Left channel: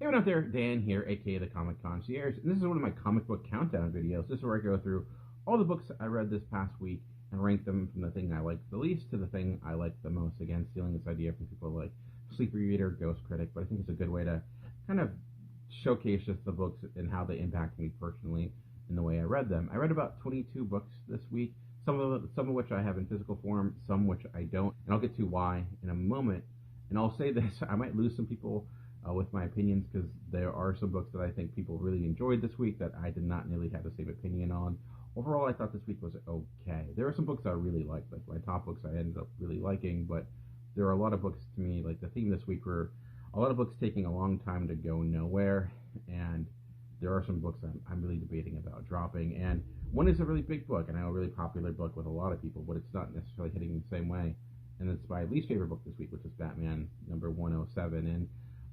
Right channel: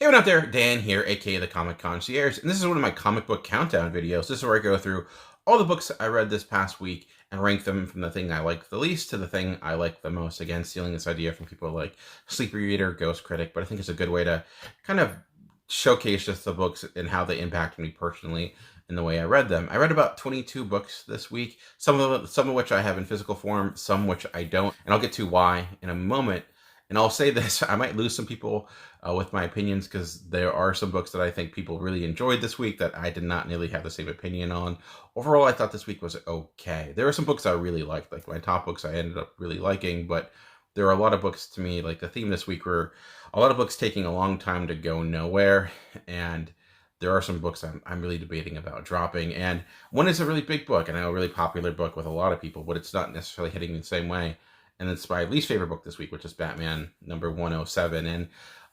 Hey, what out there? Dan here, aka the Comic Concierge, and this is one of my comic book countdown videos. This is where I go through all the books I read this past week and rank them from the thing I like the least to the thing I like the most. Again, stealing this idea from people like Sleepy Reader, Ghost Critic, but I think it's a good way to kind of showcase just the books and how they impacted me personally in the way I read them. I read about 22 books this week, some of which I have in physical form, some which I don't, and I'll get to why in a moment. And I'll say this, I might lose some people with my opinions because there are some books that I think people really enjoyed this week that I did not nearly have the same opinion on. Overall, I thought this week was okay. There are some books I really liked, like my top books I ended up really liking, but there are a lot of books to me, like the theme this week were a lot of books taking a long time to go nowhere, and there are some books I'm really debating about dropping, and one is a really big book, and I know a really popular book with a lot of people, but it's not necessarily hitting the same way, and it's my least favorite book this week, which is Batman number 107, and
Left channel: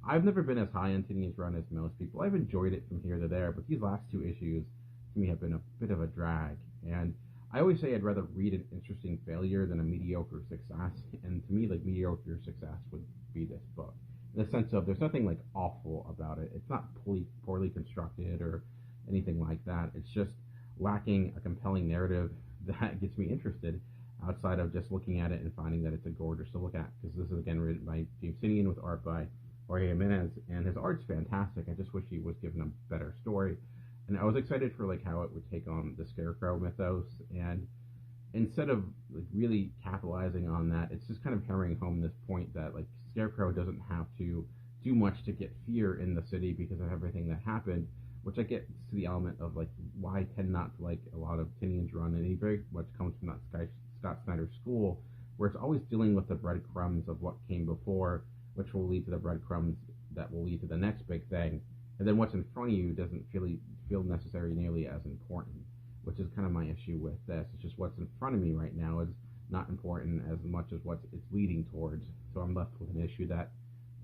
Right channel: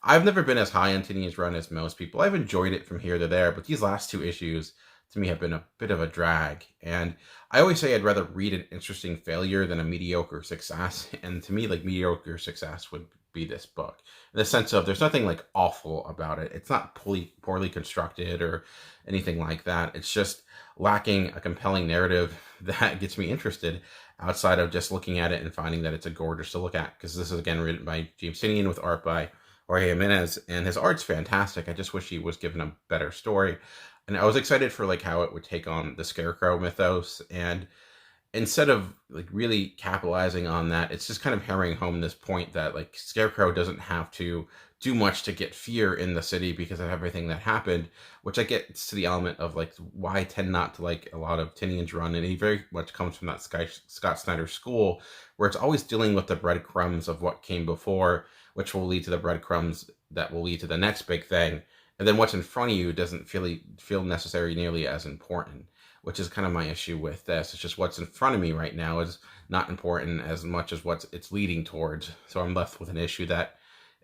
I've never been as high on Tinian's run as most people. I've enjoyed it from here to there, but these last two issues to me have been a bit of a drag, and I always say I'd rather read an interesting failure than a mediocre success, and to me, like, mediocre success would be this book, in the sense of there's nothing like awful about it. It's not poorly constructed or anything like that. It's just lacking a compelling narrative that gets me interested outside of just looking at it and finding that it's a gorgeous to look at, because this is again written by James Tinian with art by Jorge Jimenez, and his art's fantastic. I just wish he was given a better story. And I was excited for like how it would take on the Scarecrow mythos, and instead of like really capitalizing on that, it's just kind of hammering home this point that like Scarecrow doesn't have to do much to get fear in the city because of everything that happened, which I get to the element of like why I tend not to like a lot of Tinian's run, and he very much comes from that Scott Snyder school where it's always dealing with the breadcrumbs of what came before, which will lead to the breadcrumbs that will lead to the next big thing, and then what's in front of you doesn't feel necessary nearly as important, which is kind of my issue with this. It's just what's in front of me right now is not important as much as what it's leading towards. So I'm left with an issue that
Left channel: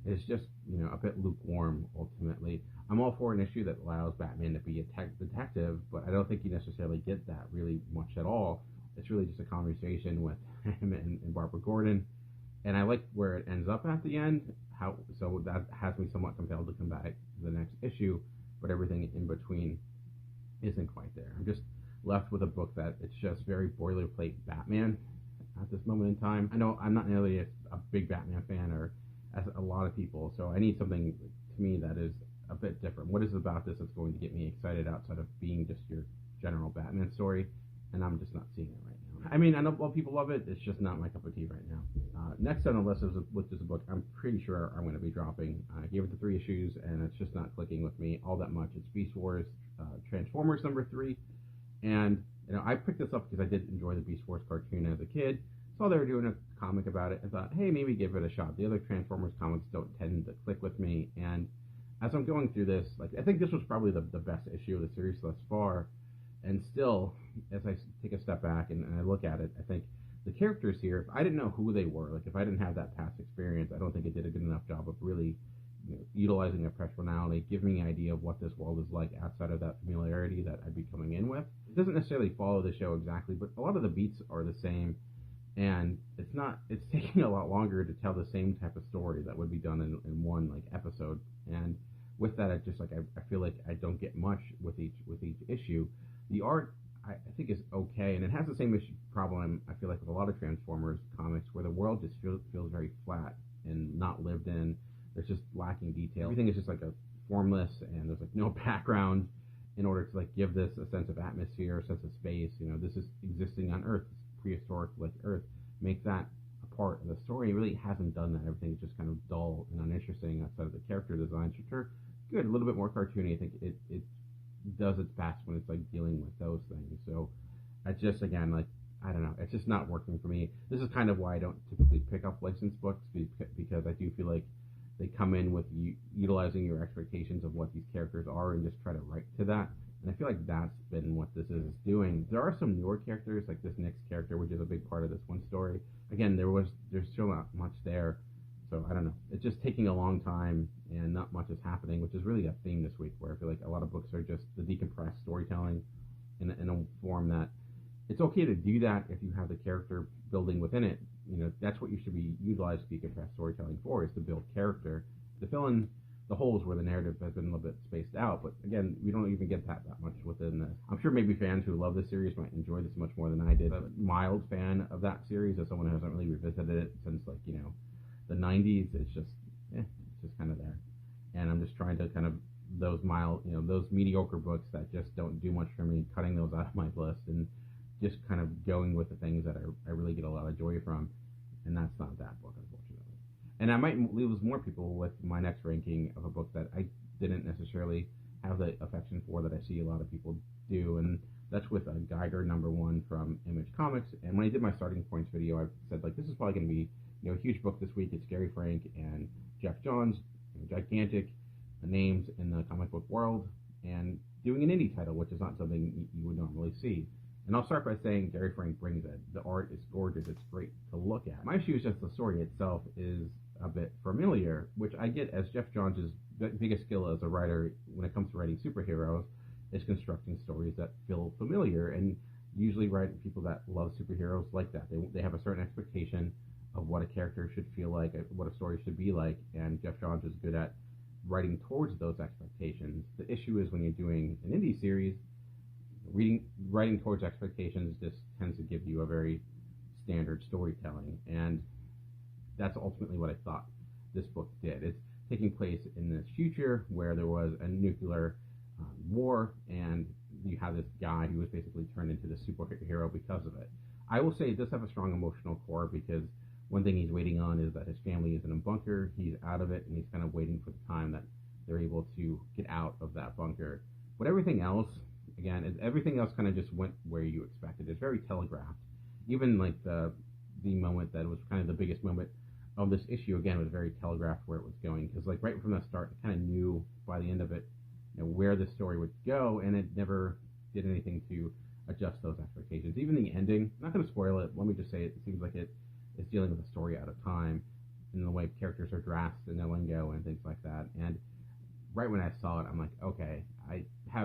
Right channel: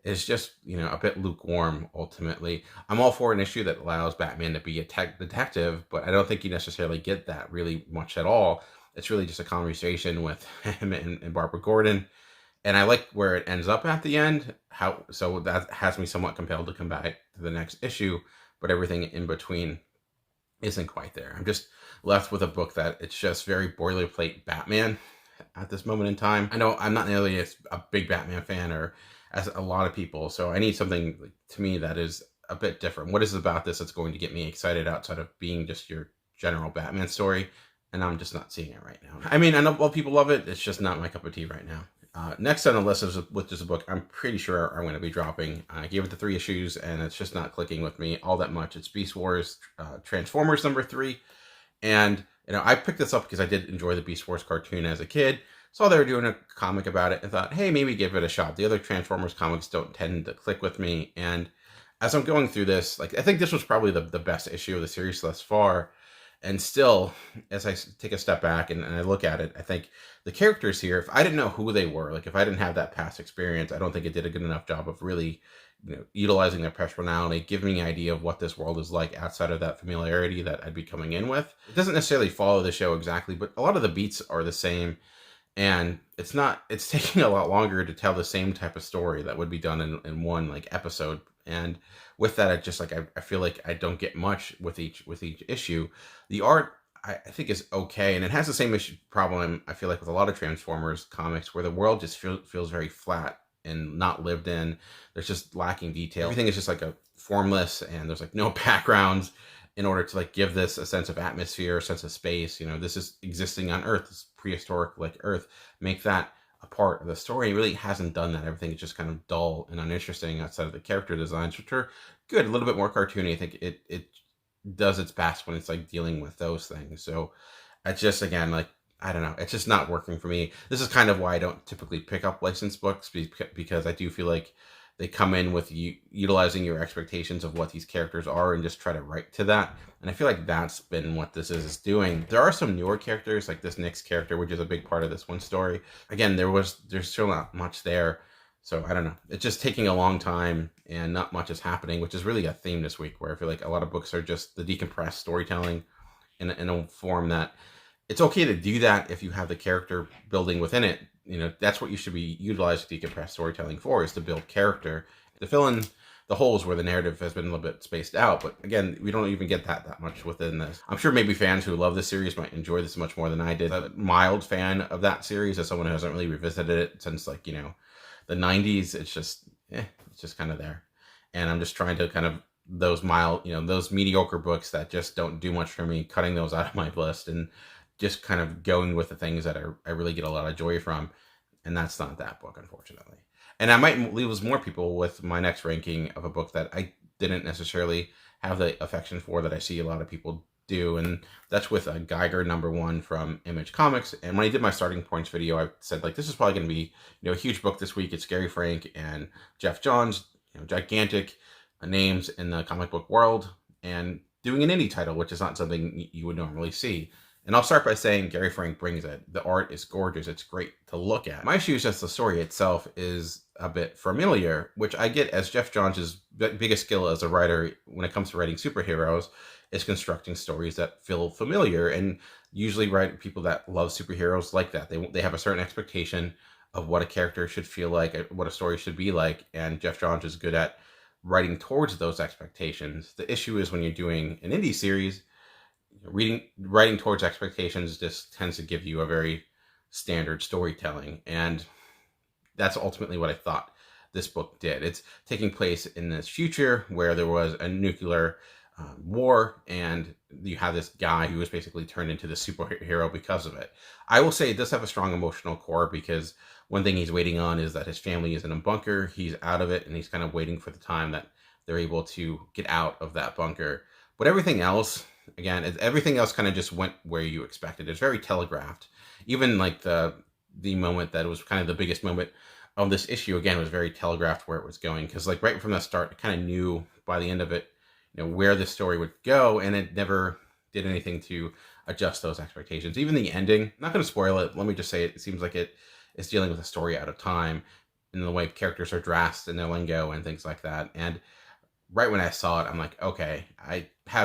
is just, a bit lukewarm ultimately. I'm all for an issue that allows Batman to be a detective, but I don't think you necessarily get that really much at all. It's really just a conversation with him and Barbara Gordon. And I like where it ends up at the end. So that has me somewhat compelled to come back to the next issue, but everything in between isn't quite there. I'm just left with a book that it's just very boilerplate Batman at this moment in time. I know I'm not nearly a big Batman fan or as a lot of people, so I need something to me that is a bit different. What is it about this that's going to get me excited outside of being just your general Batman story? And I'm just not seeing it right now. I mean, I know people love it. It's just not my cup of tea right now. Next on the list is with just a book I'm pretty sure I'm going to be dropping. I gave it the 3 issues, and it's just not clicking with me all that much. It's Beast Wars Transformers number 3. And, I picked this up because I did enjoy the Beast Wars cartoon as a kid. Saw they were doing a comic about it and thought, hey, maybe give it a shot. The other Transformers comics don't tend to click with me. And as I'm going through this, like, I think this was probably the best issue of the series thus far. And still, as I take a step back and I look at it, I think the characters here, if I didn't know who they were, like if I didn't have that past experience, I don't think it did a good enough job of really, utilizing their personality, giving me an idea of what this world is like outside of that familiarity that I'd be coming in with. It doesn't necessarily follow the show exactly, but a lot of the beats are the same. And it's taking a lot longer to tell the same type of story that would be done in one like episode. And with that, I feel like I don't get much with each issue. The art I think is okay, and it has the same issue problem I feel like with a lot of Transformers comics, where the world just feels very flat and not lived in. There's just lacking detail. Everything is just like a formless, and there's like no backgrounds in order to like give this a sense of atmosphere, a sense of space. This is existing on Earth, this prehistoric like Earth. Make that a part of the story. It really hasn't done that. Everything is just kind of dull and uninteresting outside of the character designs, which are good, a little bit more cartoony. I think it does its best when it's like dealing with those things. So it's just, again, like, I don't know, it's just not working for me. This is kind of why I don't typically pick up licensed books, because I do feel like they come in with utilizing your expectations of what these characters are and just try to write to that. And I feel like that's been what this is doing. There are some newer characters, like this Nyx character, which is a big part of this one story. Again, there's still not much there. So I don't know. It's just taking a long time and not much is happening, which is really a theme this week, where I feel like a lot of books are just the decompressed storytelling in a form that it's okay to do that if you have the character building within it. That's what you should be utilizing decompressed storytelling for, is to build character, to fill in the holes where the narrative has been a little bit spaced out. But again, we don't even get that much within this. I'm sure maybe fans who love this series might enjoy this much more than I did. I'm a mild fan of that series as someone who hasn't really revisited it since, like, you know, the 90s. It's just kind of there. And I'm just trying to kind of, those mild, you know, those mediocre books that just don't do much for me, cutting those out of my list and just kind of going with the things that I really get a lot of joy from. And that's not that book, unfortunately. And I might lose more people with my next ranking of a book that I didn't necessarily have the affection for that I see a lot of people do, and that's with a Geiger #1 from Image Comics. And when I did my starting points video, I said, like, this is probably going to be, you know, a huge book this week. It's Gary Frank and Jeff Johns, you know, gigantic names in the comic book world, and doing an indie title, which is not something you would normally see. And I'll start by saying Gary Frank brings it. The art is gorgeous. It's great to look at. My issue is just the story itself is a bit familiar, which I get, as Jeff Johns' biggest skill as a writer when it comes to writing superheroes is constructing stories that feel familiar. And usually people that love superheroes like that. They have a certain expectation of what a character should feel like, what a story should be like. And Jeff Johns is good at writing towards those expectations. The issue is when you're doing an indie series, writing towards expectations just tends to give you a very standard storytelling, and that's ultimately what I thought this book did. It's taking place in this future where there was a nuclear war, and you have this guy who was basically turned into the superhero because of it. I will say it does have a strong emotional core, because one thing he's waiting on is that his family is in a bunker. He's out of it, and he's kind of waiting for the time that they're able to get out of that bunker. But everything else kind of just went where you expected. It's very telegraphed. Even like the moment that was kind of the biggest moment of this issue, again, was very telegraphed where it was going. Because like right from the start, I kind of knew by the end of it, you know, where the story would go, and it never did anything to adjust those expectations. Even the ending, I'm not going to spoil it. Let me just say it seems like it is dealing with a story out of time in the way characters are dressed and their lingo and things like that. And right when I saw it, I'm like, okay,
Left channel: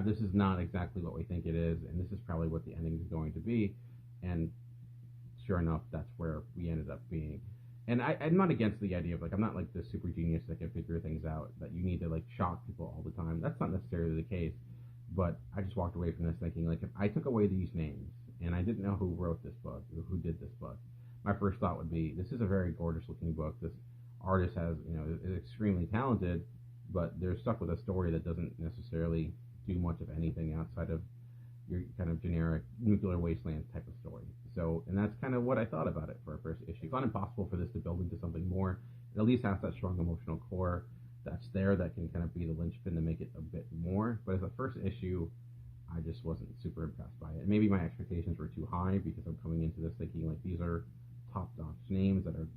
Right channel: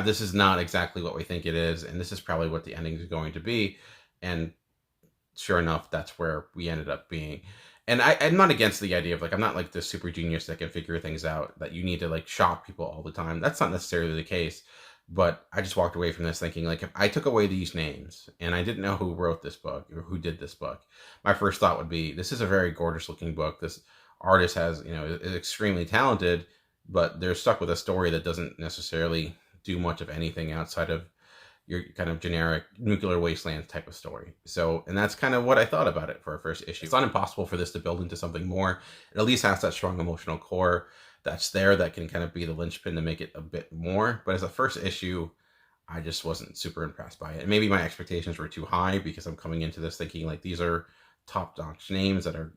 this is not exactly what we think it is, and this is probably what the ending is going to be. And sure enough, that's where we ended up being. And I'm not against the idea of, like, I'm not like this super genius that can figure things out, that you need to like shock people all the time. That's not necessarily the case. But I just walked away from this thinking, like, if I took away these names and I didn't know who wrote this book or who did this book, my first thought would be, this is a very gorgeous looking book. This artist is extremely talented, but they're stuck with a story that doesn't necessarily do much of anything outside of your kind of generic nuclear wasteland type of story. So, and that's kind of what I thought about it for a first issue. It's not impossible for this to build into something more. It at least has that strong emotional core that's there that can kind of be the linchpin to make it a bit more. But as a first issue, I just wasn't super impressed by it. And maybe my expectations were too high, because I'm coming into this thinking like these are top-notch names that are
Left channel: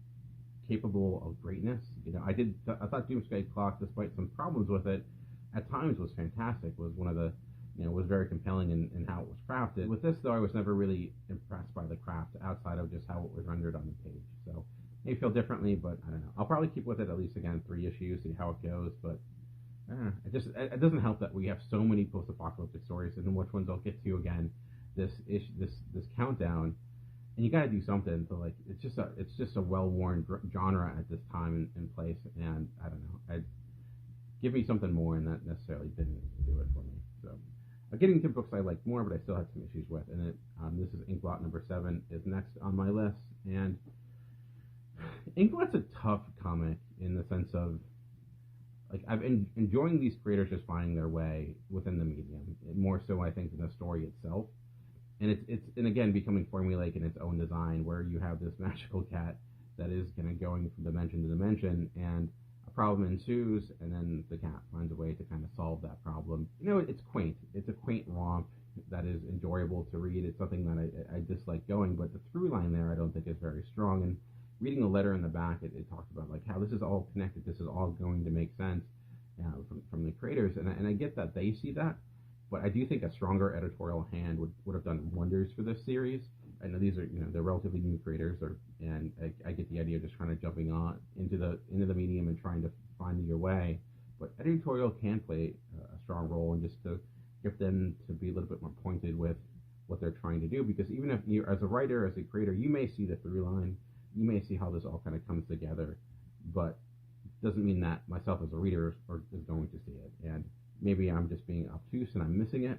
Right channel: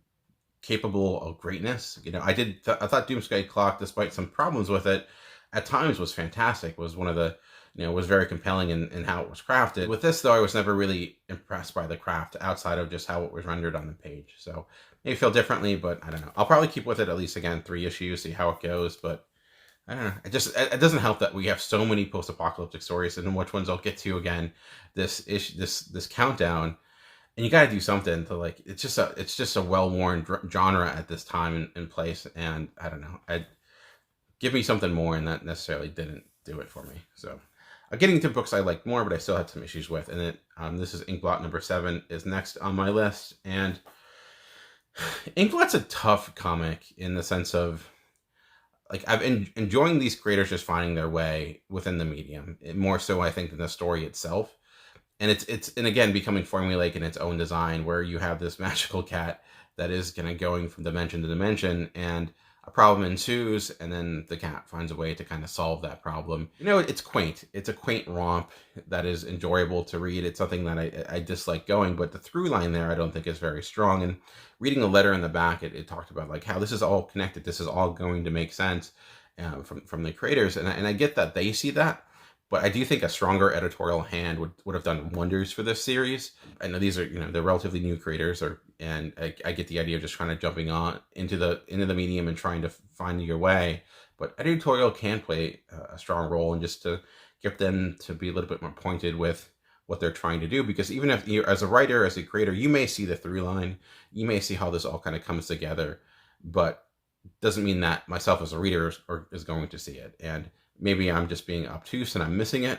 capable of greatness. You know, I thought Doomsday Clock, despite some problems with it, at times was fantastic. Was one of the, was very compelling in how it was crafted. With this, though, I was never really impressed by the craft outside of just how it was rendered on the page. So maybe feel differently, but I don't know. I'll probably keep with it at least, again, 3 issues, see how it goes. But I don't know. It doesn't help that we have so many post-apocalyptic stories, and which ones I'll get to again this countdown. And you got to do something to, like, it's just a well-worn genre at this time and place. And I don't know. Give me something more, and that necessarily didn't do it for me. So getting into books I liked more, but I still had some issues with. And this is Inkblot #7 is next on my list. And Inkblot's a tough comic in the sense of, like, I've been enjoying these creators just finding their way within the medium, more so I think than the story itself. And it's again becoming formulaic in its own design, where you have this magical cat that is kind of going from dimension to dimension, and a problem ensues, and then the cat finds a way to kind of solve that problem. It's quaint. It's a quaint romp that is enjoyable to read. It's something that I dislike going, but the through line there I don't think is very strong. And reading the letter in the back, it talked about like how this is all connected. This is all going to make sense from the creators, and I get that they see that. But I do think a stronger editorial hand would have done wonders for this series. I know these are, they're relatively new creators, and I get the idea of just kind of jumping on into the medium and trying to find your way. But editorial can play a strong role, and just to get them to be a little bit more pointed with what they're trying to do. Because even if you, as a writer, as a creator, you may see the through line, you may see how this all kind of comes together, but doesn't mean that myself as a reader is going to see it. And maybe I'm just being obtuse and I'm missing it,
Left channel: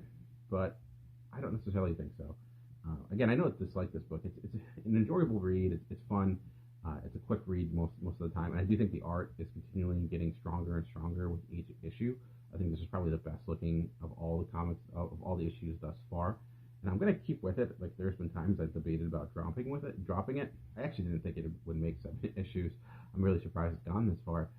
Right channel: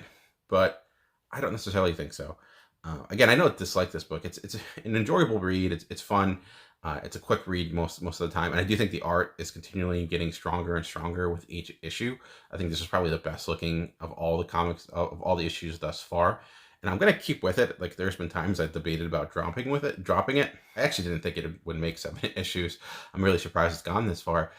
but I don't necessarily think so. Again, I don't dislike this book. It's an enjoyable read. It's fun. It's a quick read most of the time, and I do think the art is continually getting stronger and stronger with each issue. I think this is probably the best looking of all the comics of all the issues thus far, and I'm gonna keep with it. Like, there's been times I've debated about dropping it. I actually didn't think it would make 7 issues. I'm really surprised it's gone this far,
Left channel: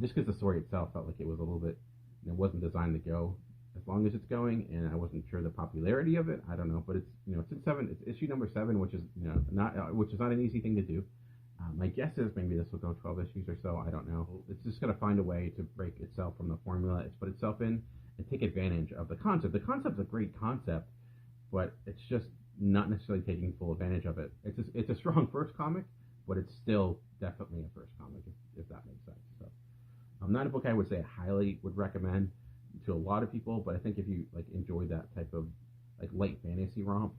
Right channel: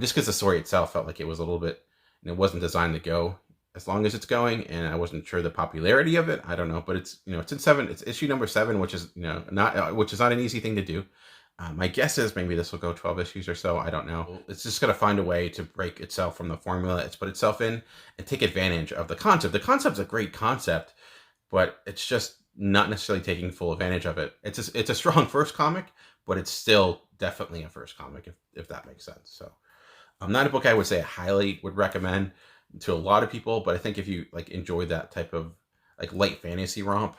just because the story itself felt like it was a little bit, it wasn't designed to go as long as it's going, and I wasn't sure the popularity of it. I don't know, but it's it's in 7. It's issue number 7, which is not an easy thing to do. My guess is maybe this will go 12 issues or so. I don't know. It's just going to find a way to break itself from the formula it's put itself in and take advantage of the concept. The concept's a great concept, but it's just not necessarily taking full advantage of it. It's a strong first comic, but it's still definitely a first comic, if that makes sense. So, not a book I would say I highly would recommend to a lot of people, but I think if you like enjoy that type of like light fantasy romp,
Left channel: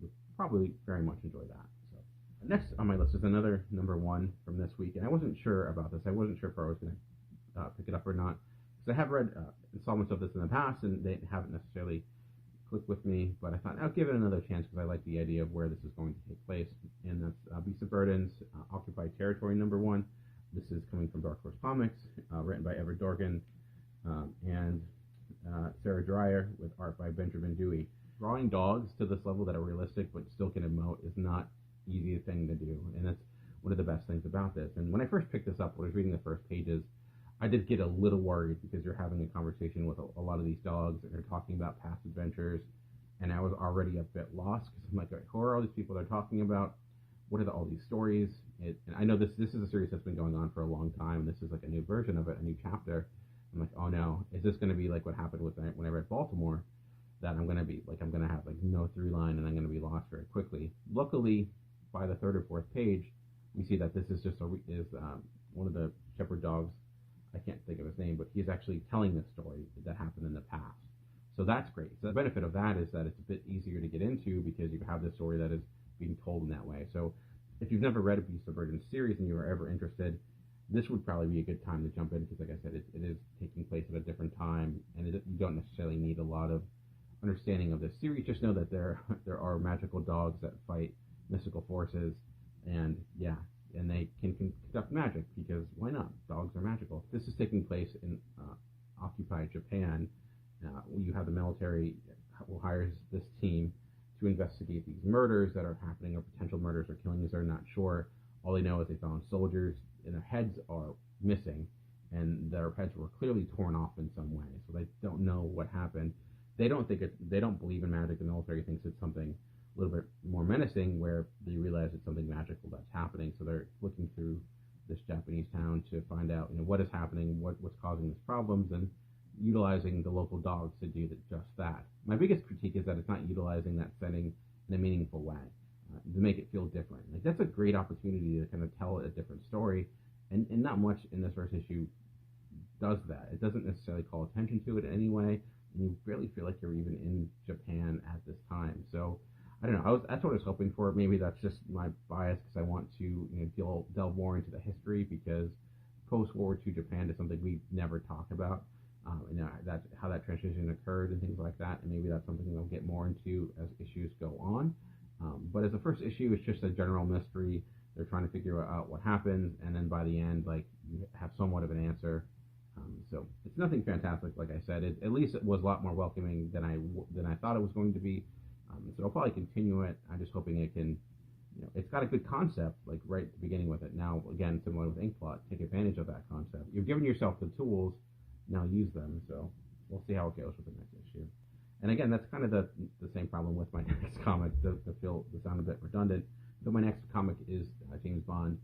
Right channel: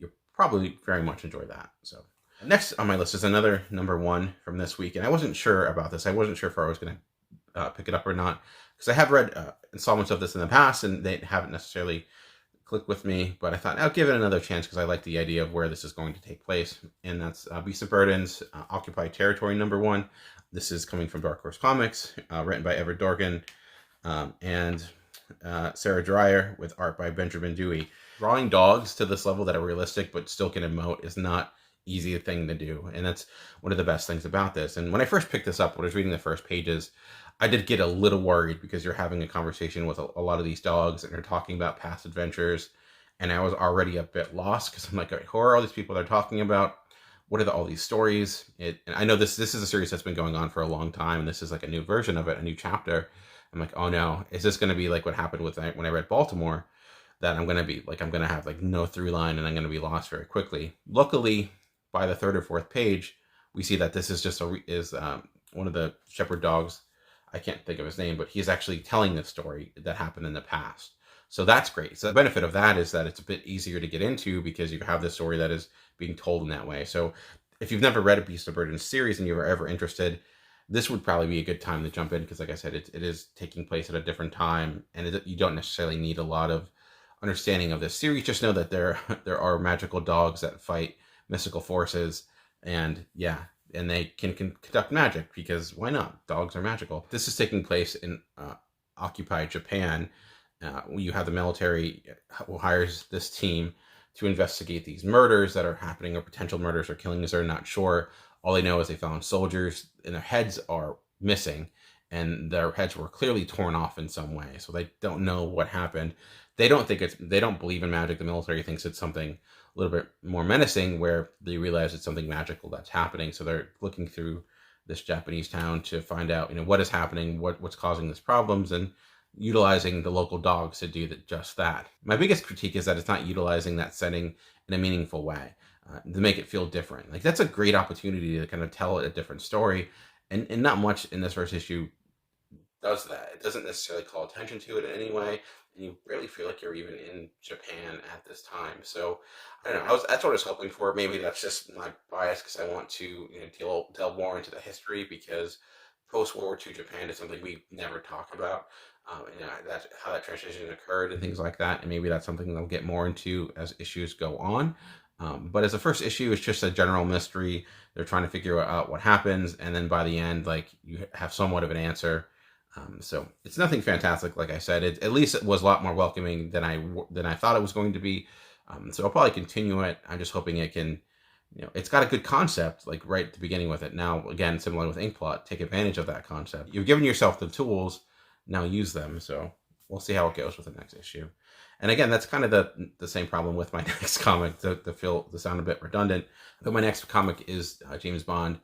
you'll probably very much enjoy that. So. Next on my list is another number 1 from this week, and I wasn't sure about this. I wasn't sure if I was going to pick it up or not, because I have read installments of this in the past, and they haven't necessarily clicked with me, but I thought I'll give it another chance because I like the idea of where this is going to take place, and that's Beast of Burden's Occupied Territory number 1. This is coming from Dark Horse Comics, written by Everett Dorgan and Sarah Dreyer, with art by Benjamin Dewey. Drawing dogs to this level that are realistic but still can emote is not easy thing to do, and that's one of the best things about this. And when I first picked this up, when I was reading the first pages, I did get a little worried because you're having a conversation with a lot of these dogs and they're talking about past adventures, and I was already a bit lost because I'm like, who are all these people they're talking about? What are all these stories? And I know this is a series that's been going on for a long time, and this is like a new version of it, a new chapter. I'm like, oh no, is this going to be like what happened with when I read Baltimore, that I'm going to have like no through line and I'm going to be lost very quickly? Luckily, by the 3rd or 4th page, we see that this is just one of the shepherd dogs. I can't think of his name, but he's actually telling this story that happened in the past. So that's great. So the benefit of that is that it's a bit easier to get into because you have this story that is being told in that way. So if you've never read a Beast of Burden series and you're ever interested, this would probably be a good time to jump in because, like I said, it is taking place at a different time, and you don't necessarily need a lot of understanding of this series. Just know that there are magical dogs that fight mystical forces, and they can conduct magic, because why not? Dogs are magical. This is taking place in occupied Japan. You have the military who hires this team to investigate these murders that are happening, or potential murders or killings. They're not sure. All they know is they found soldiers and their heads are missing, and their heads were clearly torn off in some way. So they don't know what happened. They don't believe in magic. The military thinks it's something a little bit more menacing, where they realize it's something magical that's happening. So they're looking through this Japanese town to find out, what is happening, what's causing these problems, and utilizing the local dogs to do just that. My biggest critique is that it's not utilizing that setting in a meaningful way, to make it feel different. Like, that's a great opportunity to kind of tell a different story, and not much in this first issue does that. It doesn't necessarily call attention to it in any way, and you barely feel like you're even in Japan at this time. So I don't know. That's what I was hoping for. Maybe that's just my bias because I want to delve more into the history, because post-World War II Japan is something we never talk about. That's how that transition occurred and things like that. And maybe that's something they'll get more into as issues go on. But as a first issue, it's just a general mystery. They're trying to figure out what happens, and then by the end, like, you have somewhat of an answer. So it's nothing fantastic, like I said. At least it was a lot more welcoming than I thought it was going to be. So I'll probably continue it. I'm just hoping it can, it's got a good concept, like right at the beginning with it. Now, again, similar with Inkblot, take advantage of that concept. You've given yourself the tools, now use them. So we'll see how it goes with the next issue. And again, that's kind of the same problem with my next comic, to sound a bit redundant. But my next comic is James Bond,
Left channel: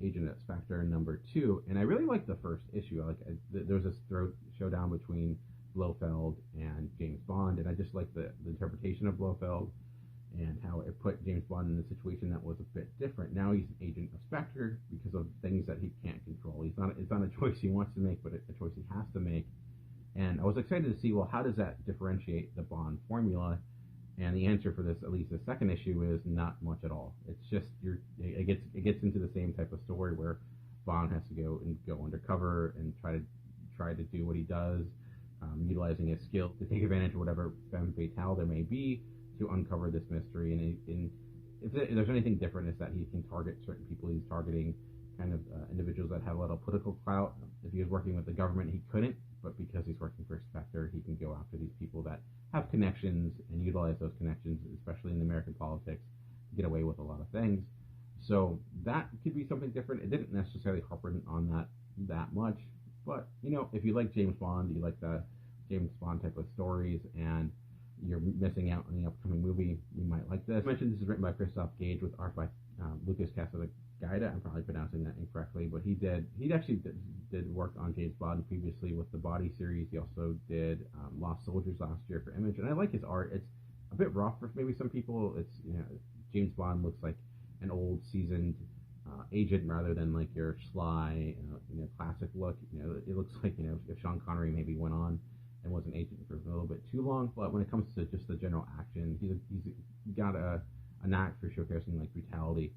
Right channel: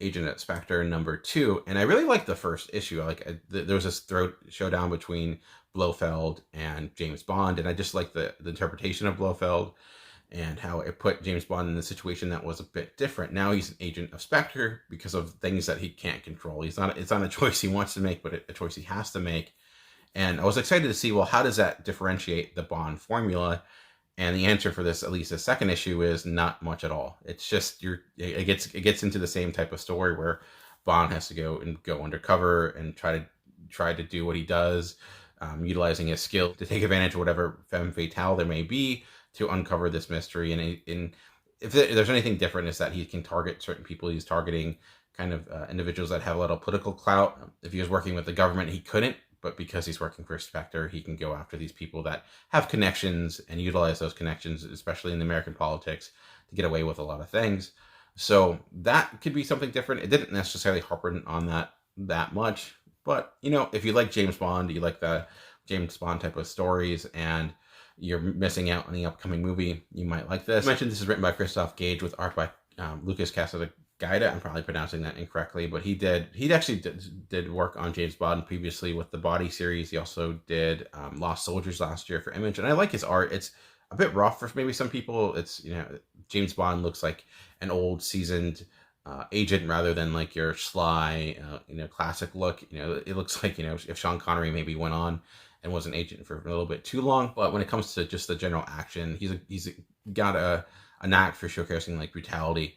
Agent at Specter #2, and I really like the first issue. There was this throat showdown between Blofeld and James Bond, and I just like the interpretation of Blofeld and how it put James Bond in a situation that was a bit different. Now he's an agent of Spectre because of things that he can't control. It's not a choice he wants to make, but a choice he has to make. And I was excited to see, well, how does that differentiate the Bond formula? And the answer for this, at least the second issue, is not much at all. It's just it gets into the same type of story where Bond has to go undercover and try to do what he does, utilizing his skill to take advantage of whatever femme fatale there may be to uncover this mystery. And if there's anything different, is that he can target certain people. He's targeting kind of individuals that have a lot of political clout. If he was working with the government, he couldn't, but because he's working for Specter, he can go after these people that have connections and utilize those connections, especially in the American politics, to get away with a lot of things. So that could be something different. It didn't necessarily harp on that much, but if you like James Bond, you like the James Bond type of stories, and you're missing out on the upcoming movie, you might like this. I mentioned this is written by Christoph Gage with art by Lucas Geiger. I'm probably pronouncing that incorrectly, but he actually did work on James Bond previously with the Body series. He also did Lost Soldiers last year for Image, and I like his art. It's a bit rough for maybe some people. It's James Bond looks like an old seasoned agent rather than like your sly classic look. It looks like if Sean Connery maybe went on and was an agent for a little bit too long. But when it comes to just the general action, he's got a knack for showcasing like brutality,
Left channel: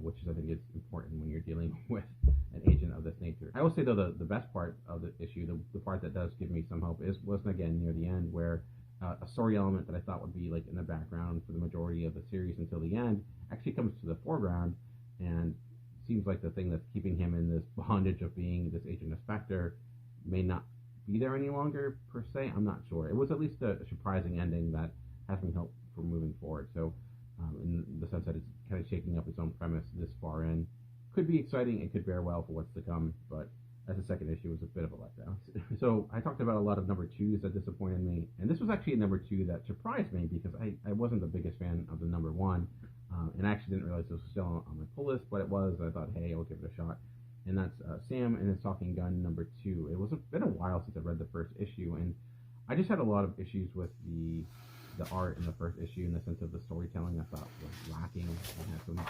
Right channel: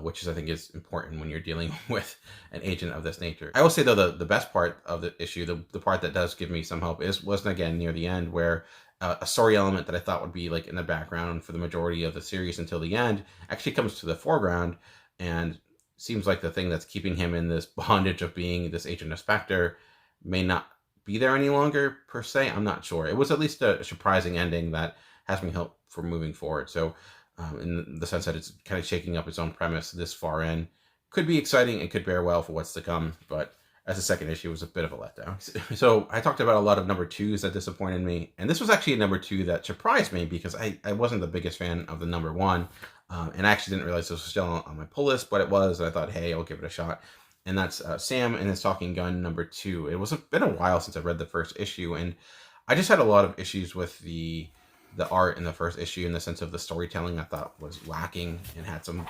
which I think is important when you're dealing with an agent of this nature. I will say though, the best part of the issue, the part that does give me some hope, was again near the end, where a story element that I thought would be like in the background for the majority of the series until the end actually comes to the foreground, and seems like the thing that's keeping him in this bondage of being this agent of Spectre may not be there any longer per se. I'm not sure. It was at least a surprising ending that has me hope for moving forward. So in the sense that it's kind of shaking up its own premise this far in, could be exciting and could bear well for what's to come, but as a second issue, was a bit of a letdown. So I talked about a lot of number 2s that disappointed me, and this was actually a number 2 that surprised me, because I wasn't the biggest fan of the number 1, and I actually didn't realize this was still on my pull list, but it was, and I thought, hey, I'll give it a shot. And that's Sam and His Talking Gun number 2. It was been a while since I read the first issue, and I just had a lot of issues with the art in the first issue, in the sense of the storytelling I thought was lacking, and had some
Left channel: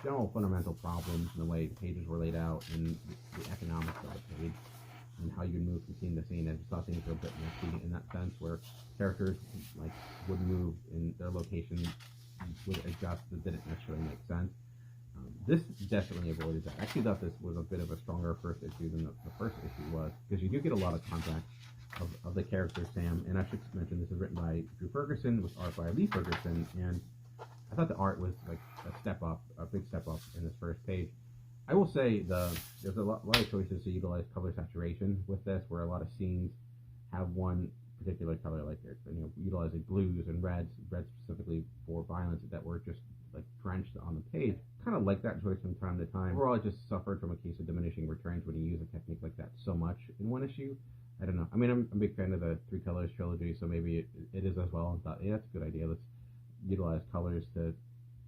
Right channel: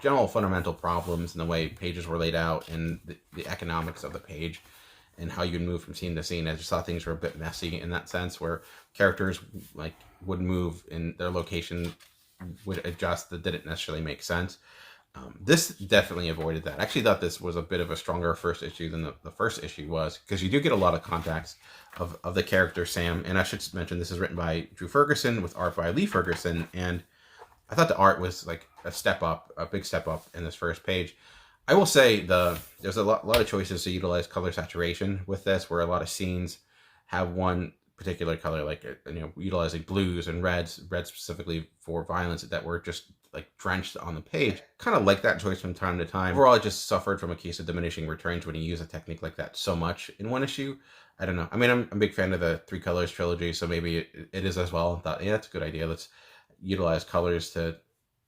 general fundamental problems in the way pages were laid out, and the economics of the page, and how you move from scene to scene. I just thought things were a bit messy in that sense, where characters like would move in their location, would adjust, that didn't necessarily make sense. This definitely avoided that. I actually thought this was a bit of a stronger first issue than the first issue was, because you do get a lot of context of the character Sam. And I should mention, this is written by Drew Ferguson with art by Lee Ferguson, and I thought the art was like a big step up in this first page. I will say there's a lot of choices to utilize color saturation with this, where a lot of scenes have one particular color, like utilizing blues and reds specifically for violence, that were just like drenched on the page. Kind of like that choice from time to time. Overall, I just suffered from a case of diminishing returns when you use a technique like that so much in one issue. I don't know. I mean, I'm a big fan of the Three Colors trilogy, so maybe it is as well. I thought, yeah, that's a good idea. Let's utilize colors to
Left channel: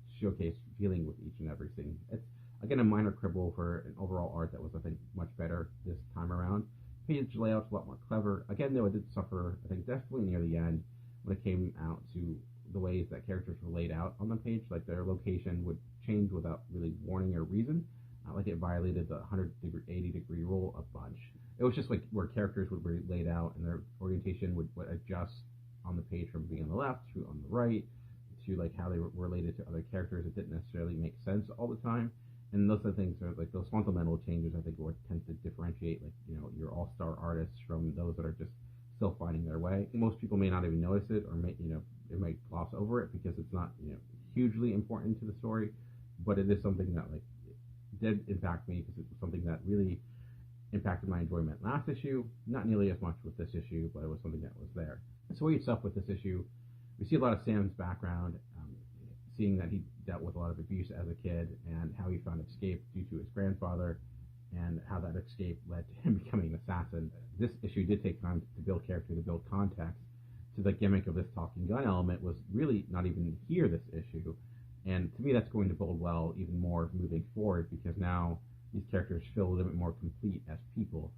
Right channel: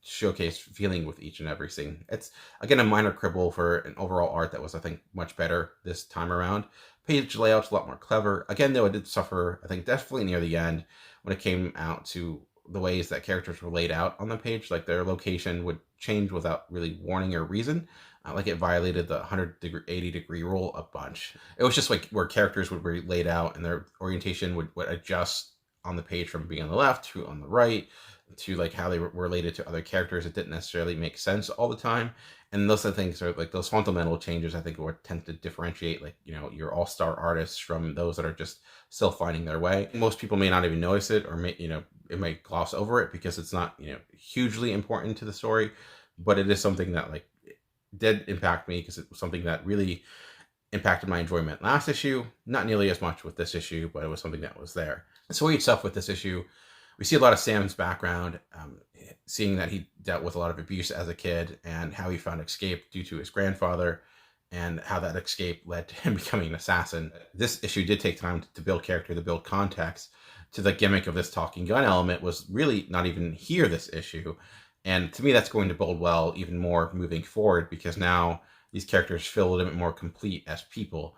showcase feeling with each and every scene. It's again a minor quibble for an overall art that was, I think, much better this time around. Page layout's a lot more clever. Again, though, I did suffer, I think, definitely near the end when it came out to the ways that characters were laid out on the page. Like their location would change without really warning or reason. Like it violated the 180 degree rule a bunch. It was just like where characters would be laid out and their orientation would adjust on the page from being on the left to on the right, to like how they were related to other characters. It didn't necessarily make sense all the time. And those things are like those fundamental changes, I think, what tend to differentiate like your all-star artists from those that are just still finding their way. Most people may not even notice it, or may it might gloss over it because it's not hugely important to the story, but it is something that like did impact me, because it was something that really impacted my enjoyment last issue. Not nearly as much with this issue, but it was something that was there. So itself with this issue, we see a lot of Sam's background, seeing that he dealt with a lot of abuse as a kid, and how he found escape due to his grandfather, and how that escape led to him becoming an assassin. This issue did take time to build character, to build context to the gimmick of this talking gun element. Was really not even here this issue. And to me, that's going to bode well even more moving forward, because now these characters feel a little bit more complete as people,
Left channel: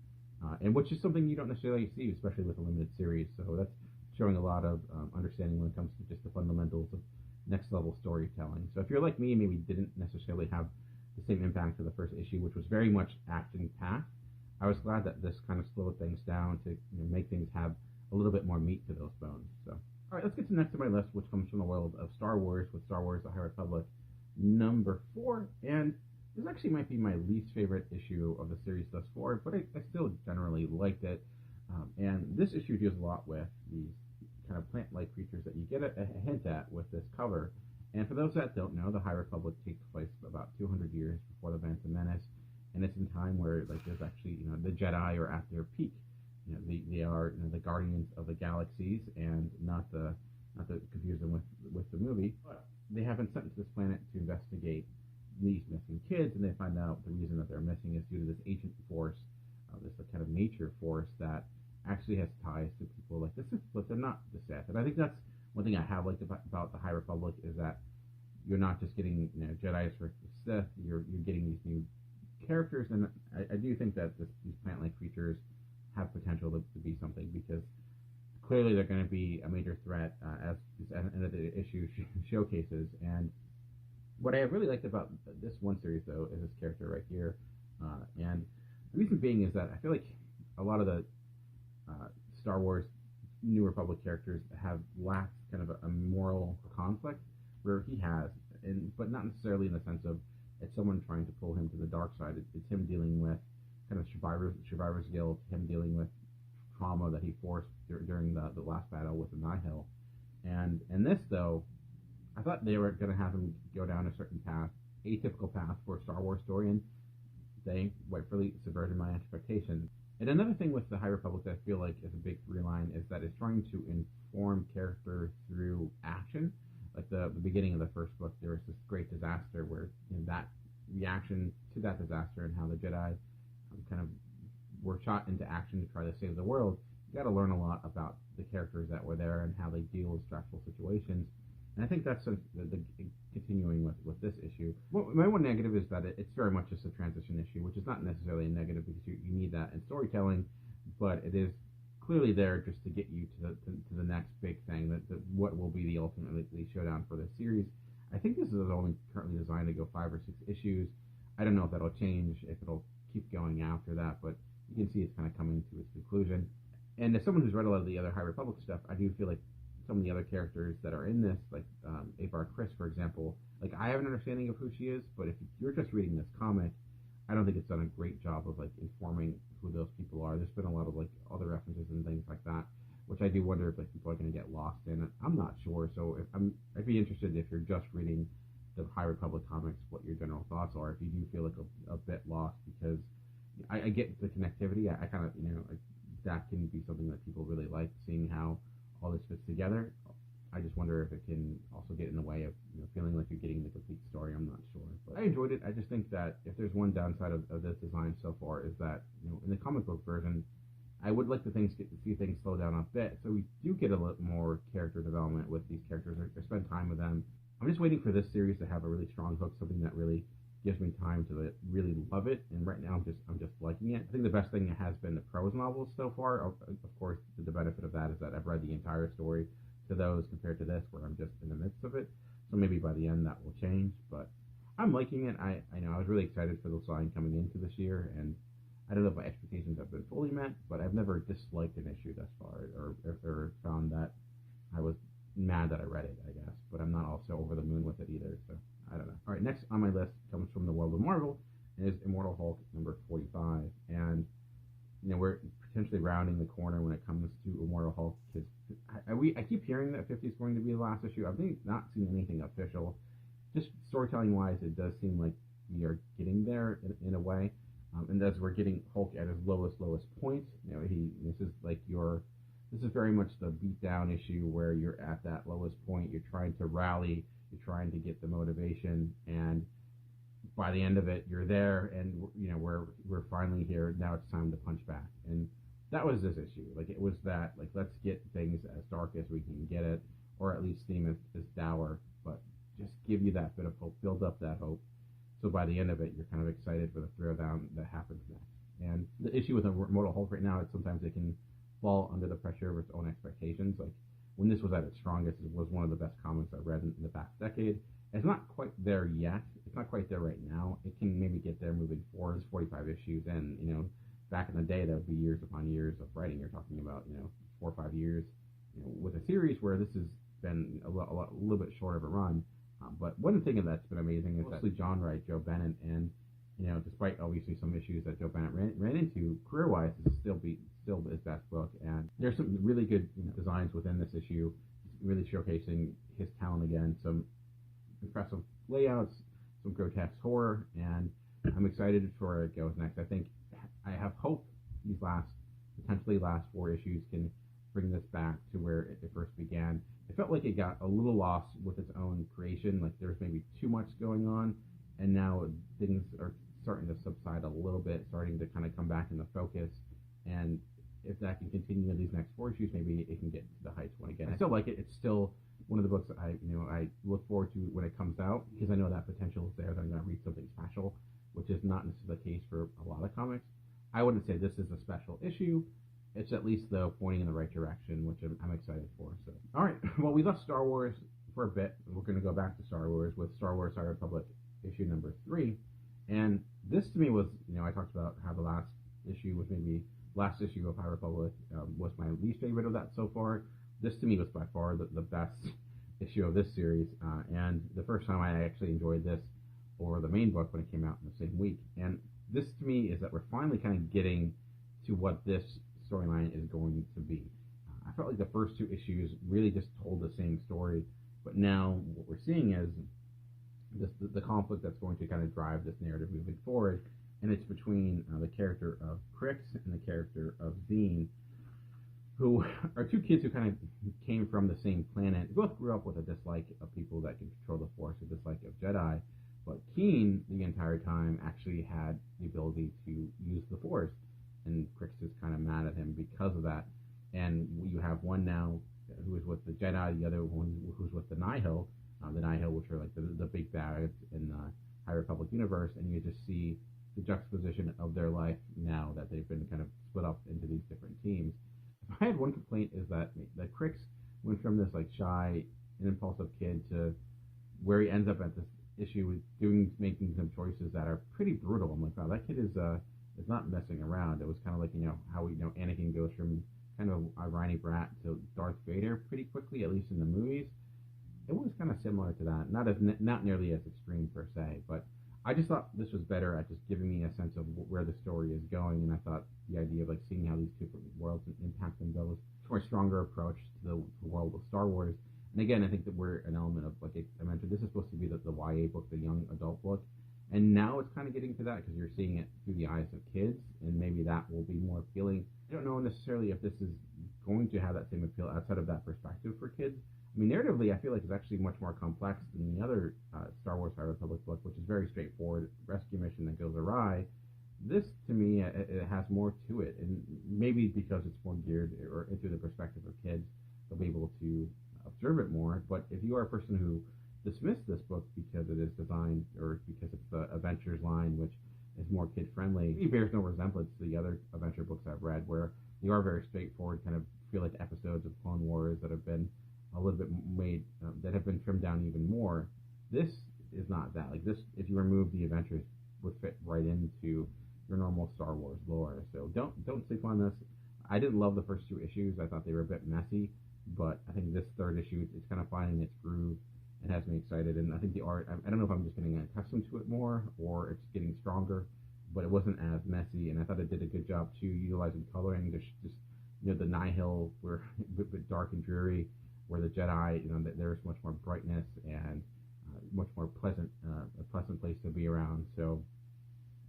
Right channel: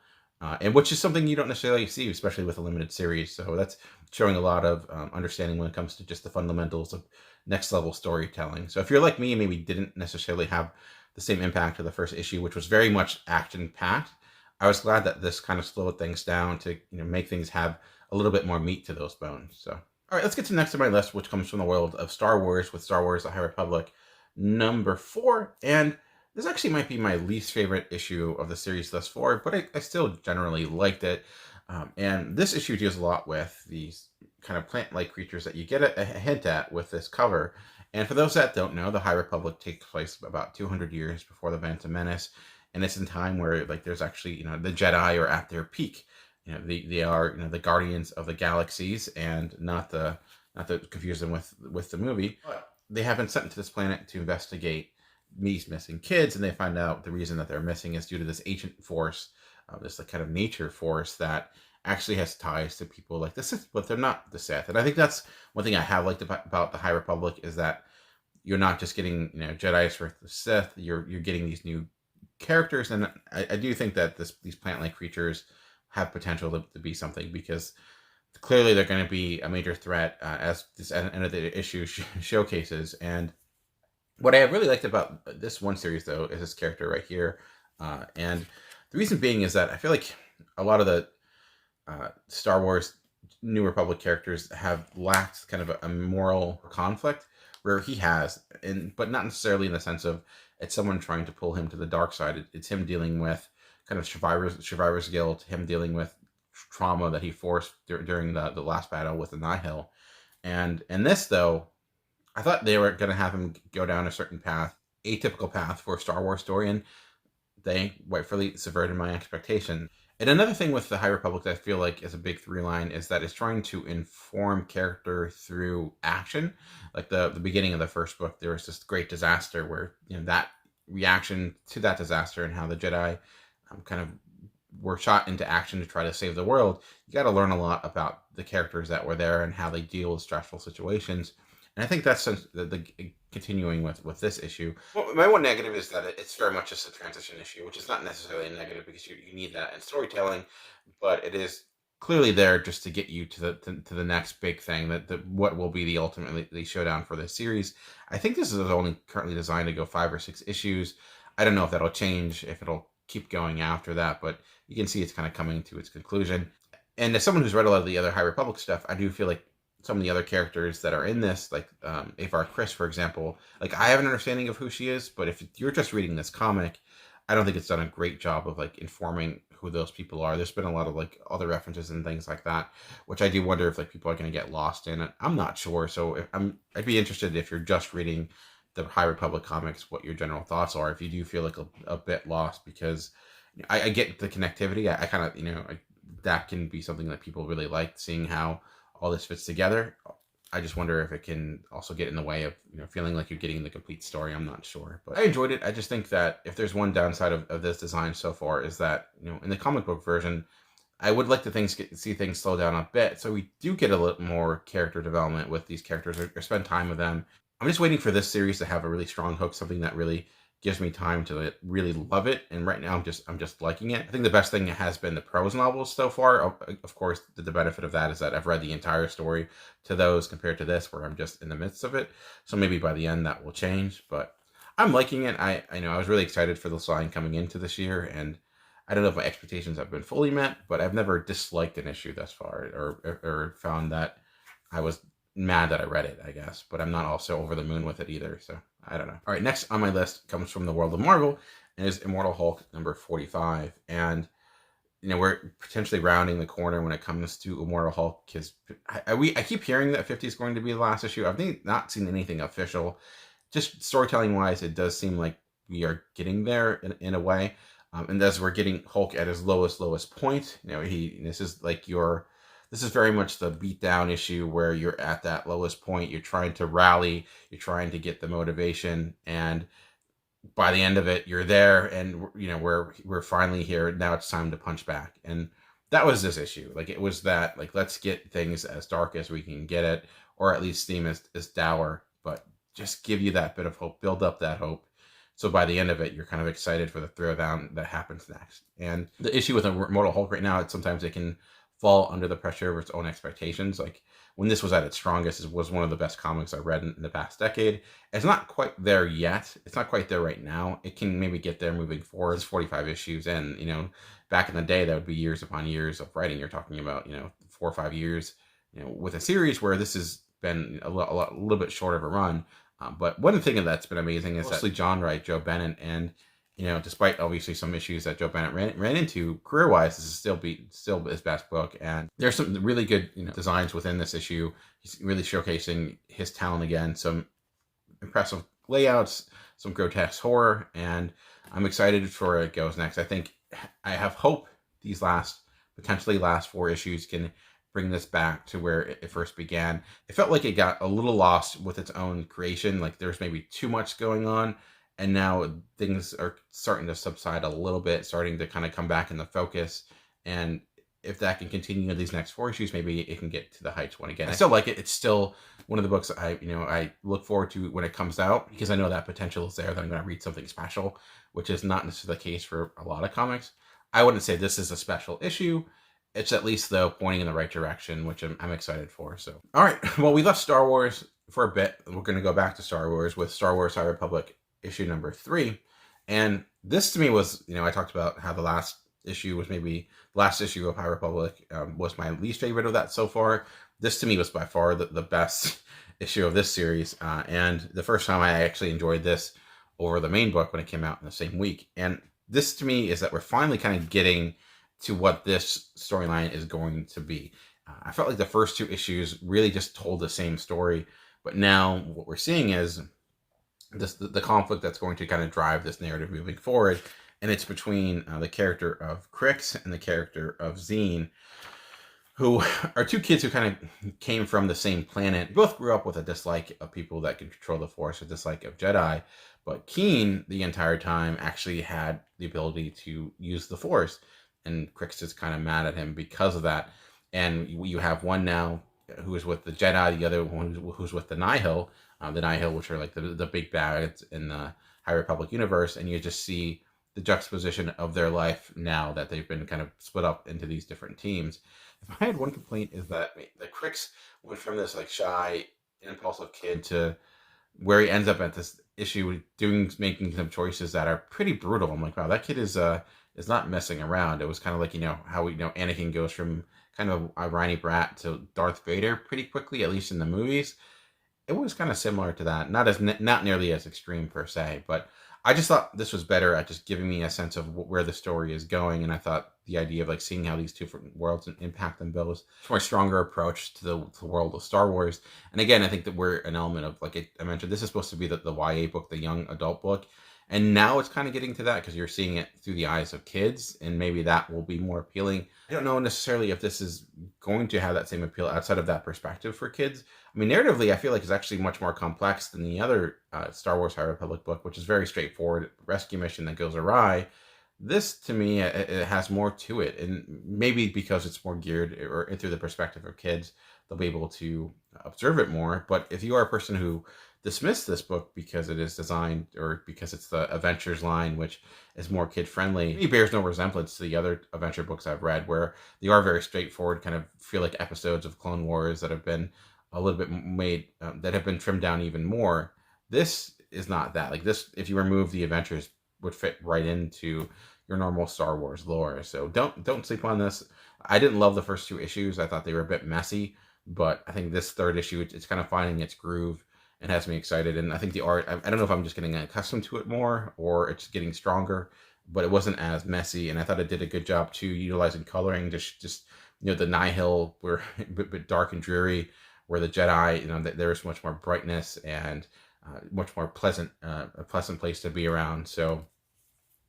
and which is something you don't necessarily see, especially with a limited series. So that's showing a lot of understanding when it comes to just the fundamentals of next level storytelling. So if you're like me and maybe didn't necessarily have the same impact of the first issue, which was very much action packed, I was glad that this kind of slowed things down to make things have a little bit more meat to those bones. So all right, let's get to the next on my list, which comes from the world of Star Wars, with Star Wars: The High Republic number 4. And This actually might be my least favorite issue of the series thus far, but I still generally liked it. And this issue deals a lot with these kind of plant-like creatures that you get a hint at with this cover. And for those that don't know, the High Republic takes place about 200 years before the Phantom Menace, and it's in time where like there's actually the Jedi are at their peak. They are the guardians of the galaxies, and not to confuse them with the movie. But they have been sent to this planet to investigate these missing kids, and they find out the reason that they're missing is due to this ancient force, this like kind of nature force that actually has ties to people like the Sith, but they're not the Sith. And I think that's one thing I have liked about the High Republic is that you're not just getting Jedi's for the Sith. You're getting these new characters, and I do think that these plant-like creatures have potential to be something, because clearly they're going to be a major threat as this end of the issue showcases. And what I really liked about this one series, though, is this character right here. And the reason being is that I feel like a lot of the Star Wars New Republic characters have lacked kind of a moral conflict, where he has, but not necessarily in the sense of it's someone trying to pull him to the dark side. It's him dealing with kind of survivor's guilt, him dealing with trauma that he forced during the last battle with the Nihil. And in this, though, I thought they were going to have him go down a certain path, atypical path for a Star Wars story, and they rightfully subverted my expectation. And another thing with the High Republic that I feel like is a big through line is that it's trying to inform character through action. Like the beginning of the first book, there was this great disaster where that reaction to that disaster and how the Jedi kind of were shot into action to try to save the world. You got to learn a lot about the characters that were there and how they deal with stressful situations. And I think that's the continuing with this issue. Well, my one negative is that it's very much just a transition issue, which is not necessarily a negative because you need that in storytelling, but it is clearly there just to get you to the next big thing, that what will be the ultimately showdown for this series. I think this is only currently designed to go 5 or 6 issues. I don't know if that'll change, if it'll keep going after that, but you can see it's kind of coming to its conclusion. And as someone who's read a lot of the other High Republic stuff, I do feel like some of the other characters that are in this, like Avar Kriss, for example, like I have an understanding of who she is, but if you're just reading this comic, I don't think it's done a great job of like informing who those people are. There's been a lot of like other references and things like that, which I do wonder if like people are going to get lost in it. I'm not sure. So I'd be interested if you're just reading the High Republic comics, what your general thoughts are. If you do feel like a bit lost, because I get the connectivity. I kind of that can be something that people really like, seeing how all this fits together. I just wonder if it can also get in the way of feeling like you're getting the complete story. I'm not sure, but I enjoyed it. I just think that if there's one downside of this design so far is that in the comic book version, I would like to see things slow down a bit, so we do get a little more character development with these characters, or spend time with them. I'm just waiting for this series to have a really strong hook, something that really gives me time to really love it. And right now I'm just liking it. I think the best thing has been the prose novels so far. Of course, the benefit of that is that I've read the entire story to those, compared to this where I'm just in the midst of it. So maybe by the end that will change, but I'm liking it. I know I was really excited for this line coming into this year, and I don't know if my expectations have been fully met, but I've never disliked an issue thus far, or found that I was mad that I read it, I guess. But I'm not also over the moon with it either, so I don't know. All right, next on my list comes from the world of Marvel, and is Immortal Hulk number 45. And we're potentially rounding the corner when it comes to Immortal Hulk, because I keep hearing that 50 is going to be the last issue. I've not seen anything official. Just storytelling wise, it does seem like we are getting there in a way. And as we're getting Hulk at his lowest point, this is very much the beat down issue where you're at that lowest point. You're trying to rally, you're trying to get the motivation, and by the end of it, you're there, and we're finally here. Now it's time to punch back, and that was this issue. Like, it was that, like, let's get things as dark as we can get it, or at least seem as dour, but just give you that bit of hope, build up that hope. So by the end of it, you're kind of excited for the throwdown that happens next. And the issue with Immortal Hulk right now, sometimes it can fall under the pressure of its own expectations. Like, when this was at its strongest, it was one of the best comics I read in the past decade. It's not quite there yet. It's not quite there right now. It can maybe get there moving forward. It's 45 issues, and back in the day, that would be years upon years of writing. You're talking about 4 or 5 years. With a series where this has been a little bit short of a run. But one thing that's been amazing is mostly genre, Joe Bennett, and despite obviously some issues that Joe Bennett ran into career-wise, this is still his best book. And there's some really good designs within this issue. He's really showcasing his talent again. Some impressive layouts, some grotesque horror, and I'm excited for where it goes next. I have hope these potentially last 4 issues can bring this back to where it first began. It felt like it got a little lost with its own creation, like there's maybe too much going on, and now things are starting to subside a little bit, starting to kind of come back into focus. And if that can continue in these next 4 issues, maybe it can get to the heights one again. I still like it. It's still one of the books I look forward to when it comes out, because I know that potential is there, that I'm going to read something special, which is not necessarily the case for a lot of comics. I wouldn't say this is a special issue. It's at least, though, pointing in the right direction, which I'm excited for. So, all right. Well, we left Star Wars for a bit. We're going to go back to Star Wars with Star Wars High Republic issue number 3. And this to me was, I talked about how the last issue was maybe the last issue of High Republic was my least favorite of that so far. This to me was by far the best issue of this series. And the first time I actually enjoyed this over the main book when it came out in the same week. And this to me is that we're finally kind of getting to what this storyline is going to be. I felt like the first 2 issues really just told the same story, but now what we're seeing is the conflict that's going to kind of drive this narrative moving forward, and it's between the character of Crix and the character of Zine, who are 2 kids who kind of came from the same planet. Both grew up with a dislike of people that can control the Force, a dislike of Jedi, but Keen the entire time actually had the ability to use the Force. And Crix is kind of mad at him because of that. And you have one now who is with the Jedi, the other one who's with the Nihil, which are like the big bads in the High Republic universe. And you just see the juxtaposition of their life now that they've been kind of split up into these different teams. If I had one complaint, is that Crix went from this like shy, impulsive kid to where he ends up at this issue making some choices that are pretty brutal. I'm like, wow, that kid is not messing around. It was kind of like, how Anakin goes from kind of a whiny brat to Darth Vader pretty quickly, at least in the movies. It was kind of similar to that. Not nearly as extreme per se, but I just thought this was better at just giving me a sense of where the story is going. And I thought the idea of like seeing how these 2 different worlds impact them both, a more stronger approach to the world of Star Wars. And again, I think that we're an element of, like I mentioned, this is supposed to be the YA book, the young adult book. And now it's kind of getting to that because you're seeing it through the eyes of kids, and maybe that will be more appealing. I don't know necessarily if this is going to have that same appeal outside of that perspective for kids. I mean, narratively, I feel like it's actually much more complex than the other Star Wars High Republic book, which is very straightforward, rescue mission that goes awry. This, to me, it has more to it, and maybe because it's more geared or through the perspective of kids, they'll be able to observe it more. But if you are a person who dismiss this book because it is designed, or because it's the Adventures line, which is more kid friendly, it bears no resemblance to the other adventure books I've read, where they are very straightforward, kind of feel like episodes of Clone Wars that have been a little bit made, that have been trimmed down even more. This is not that. Like this, if you remove the adventures, would fit right into your normal Star Wars lore. So don't sleep on this. I didn't love the first 2 issues. I thought they were a bit messy, but I think this 3rd issue, it's kind of finding its groove. It has me excited, and I think the art, I don't know if I'm just getting accustomed to it more or it's getting stronger, but it wasn't as messy, and I thought it did a good job too, utilizing coloring. Just the Nihil were a bit dark and dreary, where the Jedi, there's much more brightness and much more pleasant, a pleasant place to be around. So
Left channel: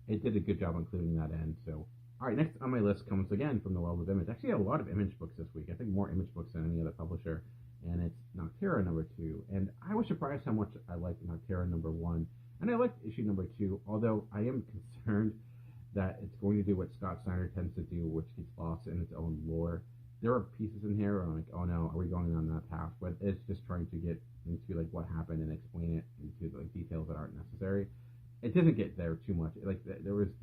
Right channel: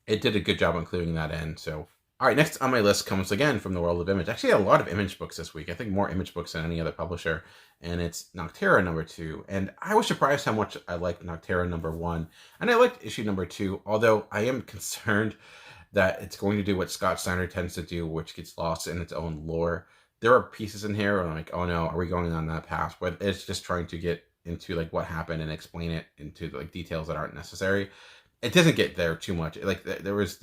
it did a good job including that in. So all right, next on my list comes again from the world of Image. Actually, a lot of Image books this week. I think more Image books than any other publisher. And it's Octerra number 2. And I was surprised how much I liked Octerra number 1. And I liked issue number 2, although I am concerned that it's going to do what Scott Snyder tends to do, which gets lost in its own lore. There are pieces in here where I'm like, oh no, are we going on that path? But it's just trying to get into like what happened and explain it into like details that aren't necessary. It doesn't get there too much. Like there was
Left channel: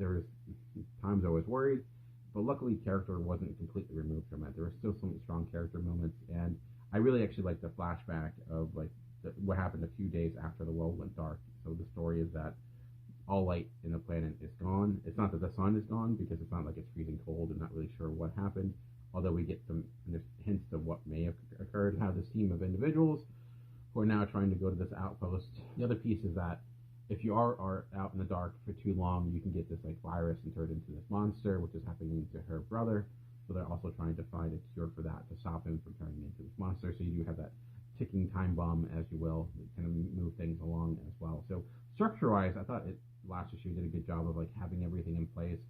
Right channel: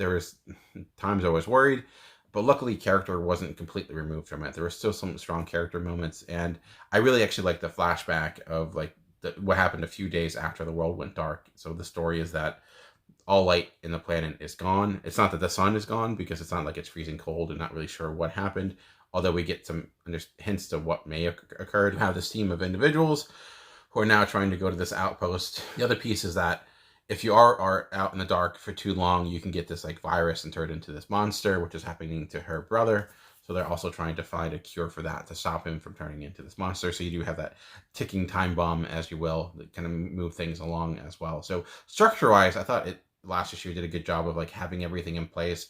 times I was worried, but luckily character wasn't completely removed from it. There were still some strong character moments, and I really actually liked the flashback of like what happened a few days after the world went dark. So the story is that all light in the planet is gone. It's not that the sun is gone, because it's not like it's freezing cold and not really sure what happened. Although we get some hints to what may have occurred. We have this team of individuals who are now trying to go to this outpost. The other piece is that if you are out in the dark for too long, you can get this like virus and turn into this monster, which is happening to her brother. So they're also trying to find a cure for that to stop him from turning into this monster. So you do have that ticking time bomb, as you will, that kind of move things along as well. So structure-wise, I thought last issue did a good job of like having everything in place,